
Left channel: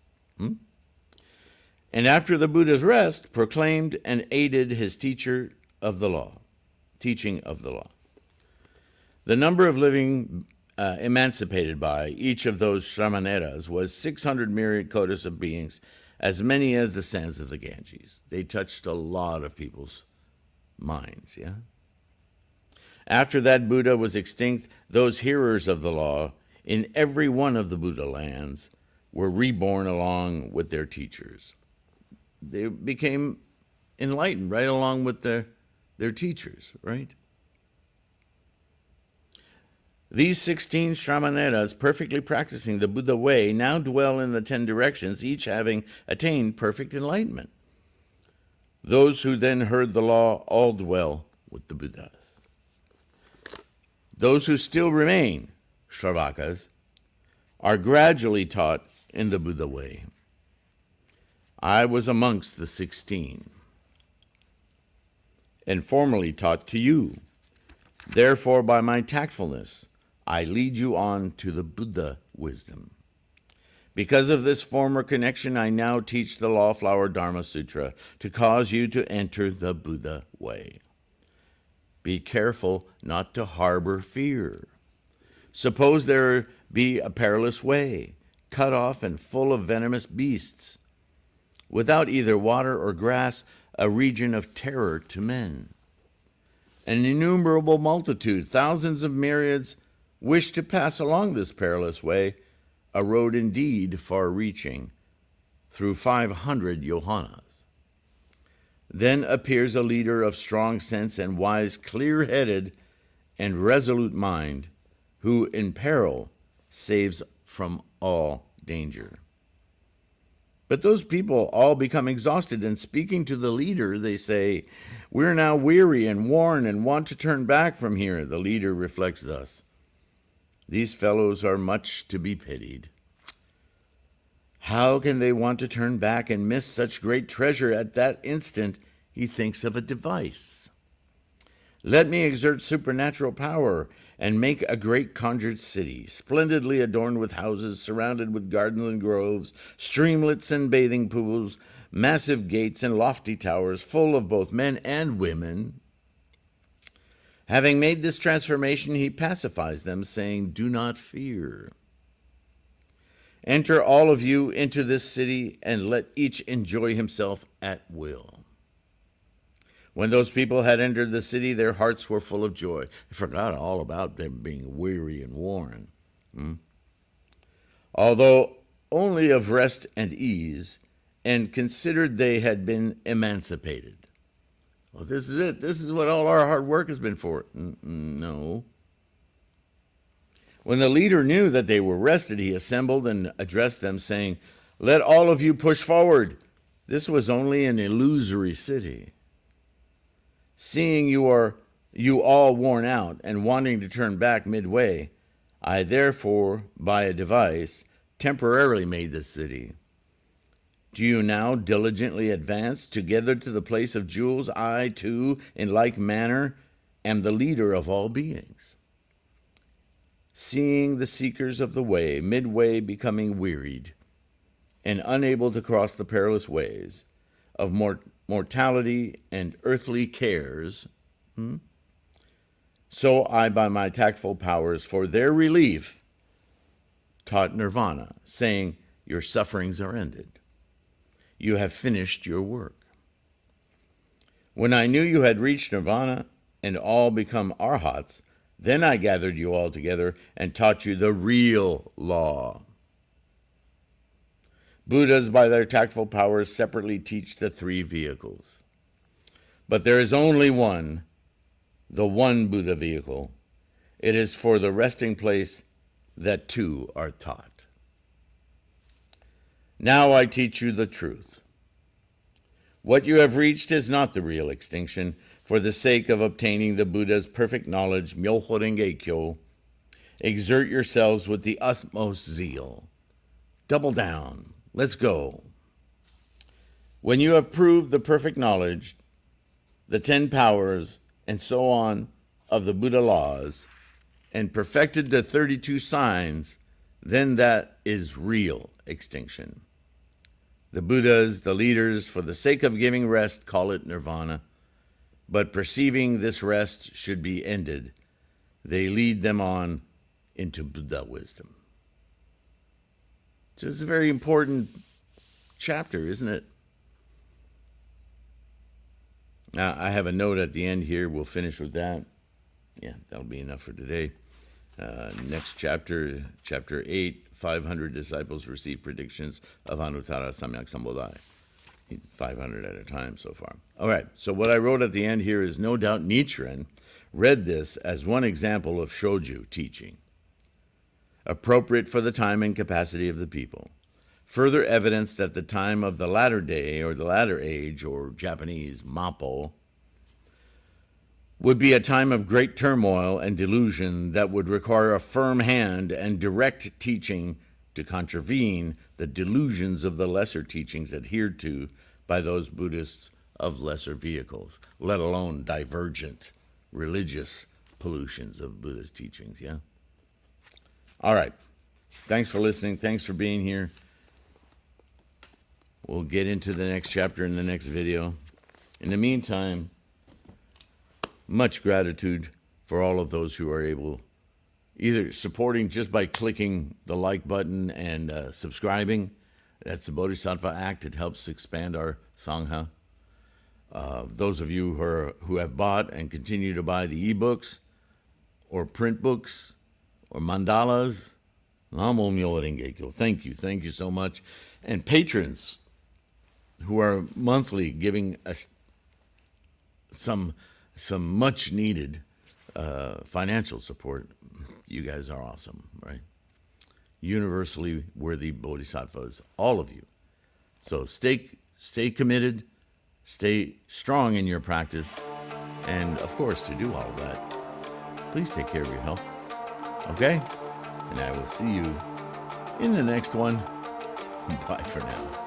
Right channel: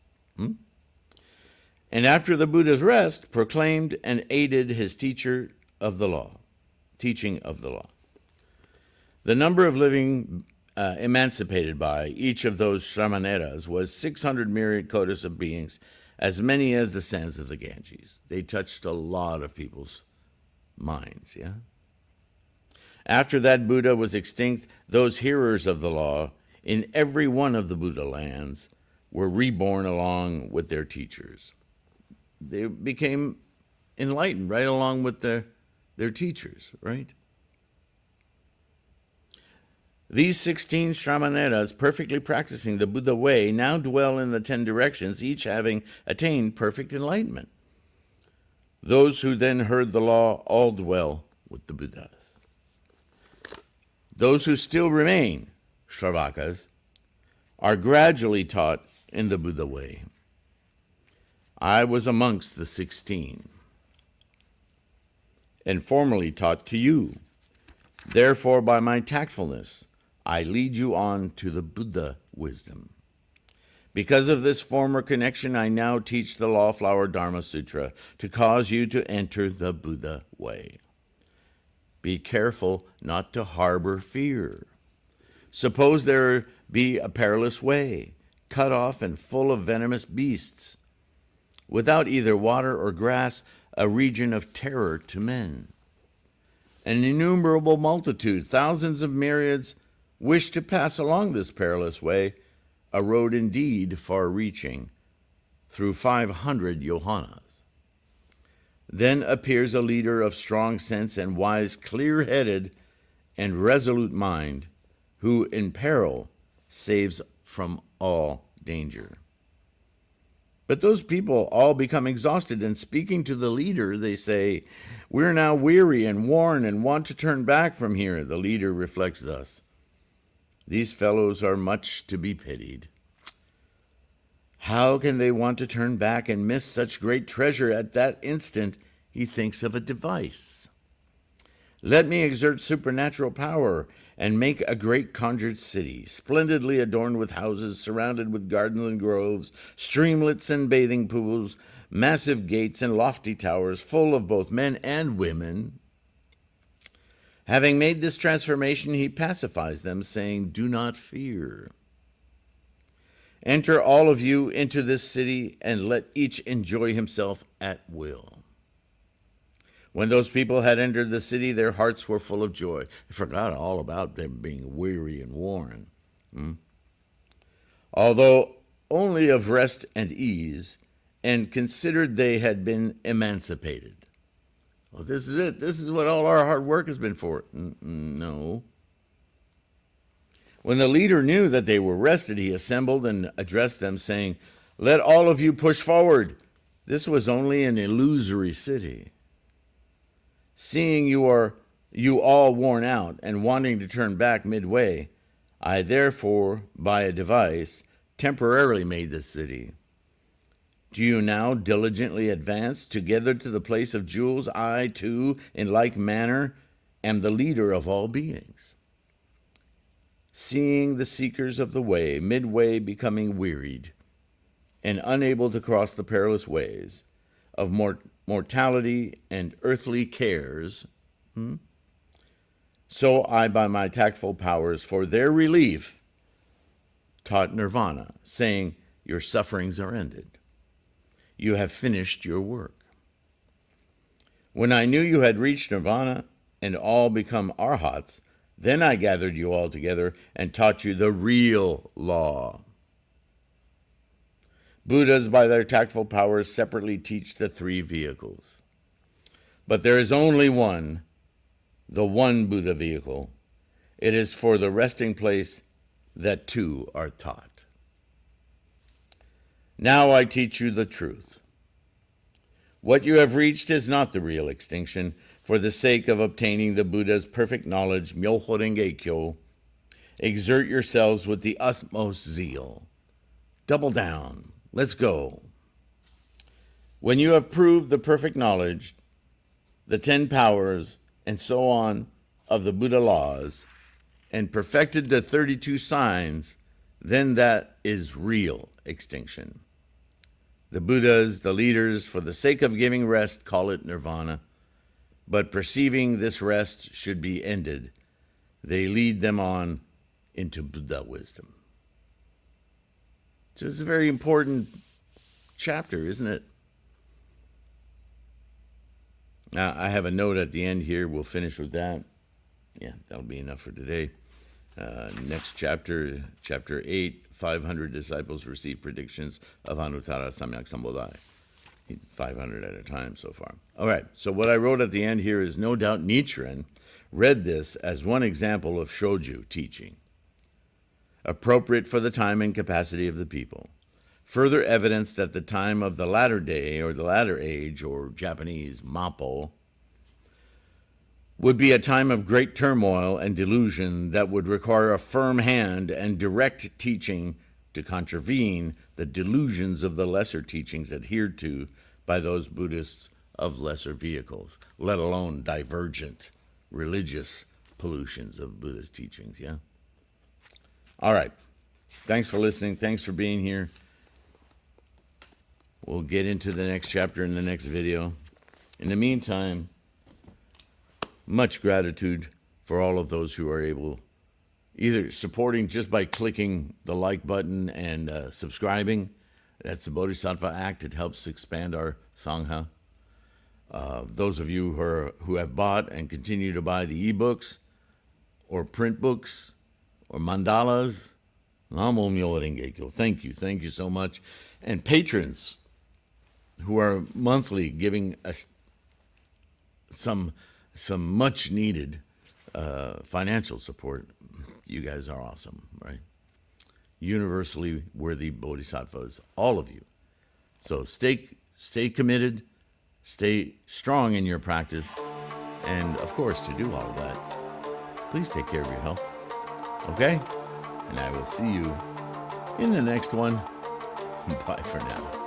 And after the Buddha's rest, proclaimed and aided his teaching of the law. The number of living emancipated by each of those Shramaneras was 600 myriad kodas of beings, as many as the sands of the Ganges. They touched a lot of people's minds, yeah? After that Buddha was extinct, those hearers of the law in every one of the Buddha lands were reborn along with their teachers. They became enlightened right along with their teachers, right? These 16 Shramaneras, perfectly practicing the Buddha way, now dwell in the 10 directions, each having attained perfect enlightenment. Those who then heard the law all dwell with the Buddhas. Those who still remain, Shravakas, are gradually taught in the Buddha way. I was amongst the 16, and formerly taught to you. Therefore, by my tactfulness, I lead you on to the Buddha wisdom. Because of this former connection, I now teach the Lawflower Dharma Sutra to cause you to enter the Buddha way. Be careful not to harbor fear. Suppose there be a perilous way, cut off and full of venomous beasts, without either water or grass, a region of terror to men. An innumerable multitude, thousands of myriads, wish to pass along this perilous way, a road indeed far-reaching, through 500 yohanas. Then appears a leader of strong sense and wise, clear-headed, and resolute mind, who in peril saves from all danger. But those people all become exhausted, and speaking to the leader, they say, "We're now weary and worn and want to turn back from here." The leader reflects thus: "These fellows are much to be pitied. How can they want to turn back and miss such great treasure?" At that instant, he thinks of a device. "Let me exert supernatural power and make a great conjured city, splendidly adorned with houses, surrounded with gardens and groves, streamlets and bathing pools, massive gates and lofty towers, full of both men and women." Having made this transformation, he pacifies them, saying, "Do not fear. Enter all of you into this city and let each enjoy himself at will." When those people had entered the city, their hearts were full of joy. They forgot all about them being weary and worn. Although only of rest and ease, and considered they had been emancipated. Well, this is it. This is what all our hard work has been for. No. When the leader knew that they were rested, he assembled and addressed them, saying, "Let all of you push forward. This was only an illusory city. Seeing you all worn out and wanting to turn back midway, I therefore, by a device, temporarily made this city. Do you now diligently advance together to the place of jewels? I, too, in like manner, am the leader of all beings. Seeing the seekers of the way midway becoming wearied and unable to cross the perilous ways of mortality and earthly cares, so I, by my tactful powers, for their relief, taught nirvana, saying, your sufferings are ended. You have finished your work. When I knew you had reached nirvana and all become arhats, then I gathered you all together and taught you the real law. Buddhas, by their tactful powers, separately teach the three vehicles. But there is only one, the one Buddha vehicle. It is for the resting place that two are taught. Now I teach you the truth. What you have reached is not the real extinction. For the sake of obtaining the Buddha's perfect knowledge, Myoho Renge Kyo, exert yourselves with the utmost zeal. Double down. Let's go. When you have proved the perfect knowledge, the 10 powers, and so on of the Buddha laws, and perfected the 32 signs, then that is real extinction. The Buddhas, the leaders, for the sake of giving rest, call it nirvana. But perceiving this rest should be ended, they lead them on into Buddha wisdom. So it's a very important chapter, isn't it? I have a note at the end here. We'll finish with that. Yeah, that'll be enough for today. Next chapter, chapter 8, 500 disciples receive predictions of Anuttara Samyak Sambodhaya. 500 at a time so far. All right, so what I wrote at the end here is no doubt Nichiren read this as one example of shoju teaching, appropriate for the time and capacity of the people. Further evidence that the time of the latter day, or the latter age, or Japanese Mappo, would be a time of great turmoil and delusion that would require a firm hand and direct teaching to contravene the delusions of the lesser teachings adhered to by those Buddhists of lesser vehicles, let alone divergent religious pollutions of Buddhist teachings, yeah? All right. Thanks for listening. Thanks for being here. We'll get into the next chapter in the next video. In the meantime, much gratitude for all of those who are able, either supporting just by clicking the like button and subscribing. That's the Bodhisattva Act. It helps expand our Sangha. Those of you who have bought and continue to buy the ebooks or print books or mandalas, Namo Myoho Renge Kyo. Thank you. Thank you so much. And patrons who are monthly giving us some much needed financial support. You guys are awesome, right? Universally worthy bodhisattvas, all of you. So stay committed, stay strong in your practice, and of course, to do all of that, please take care of your health. Okay? And I will see you in the next one. Bye for now.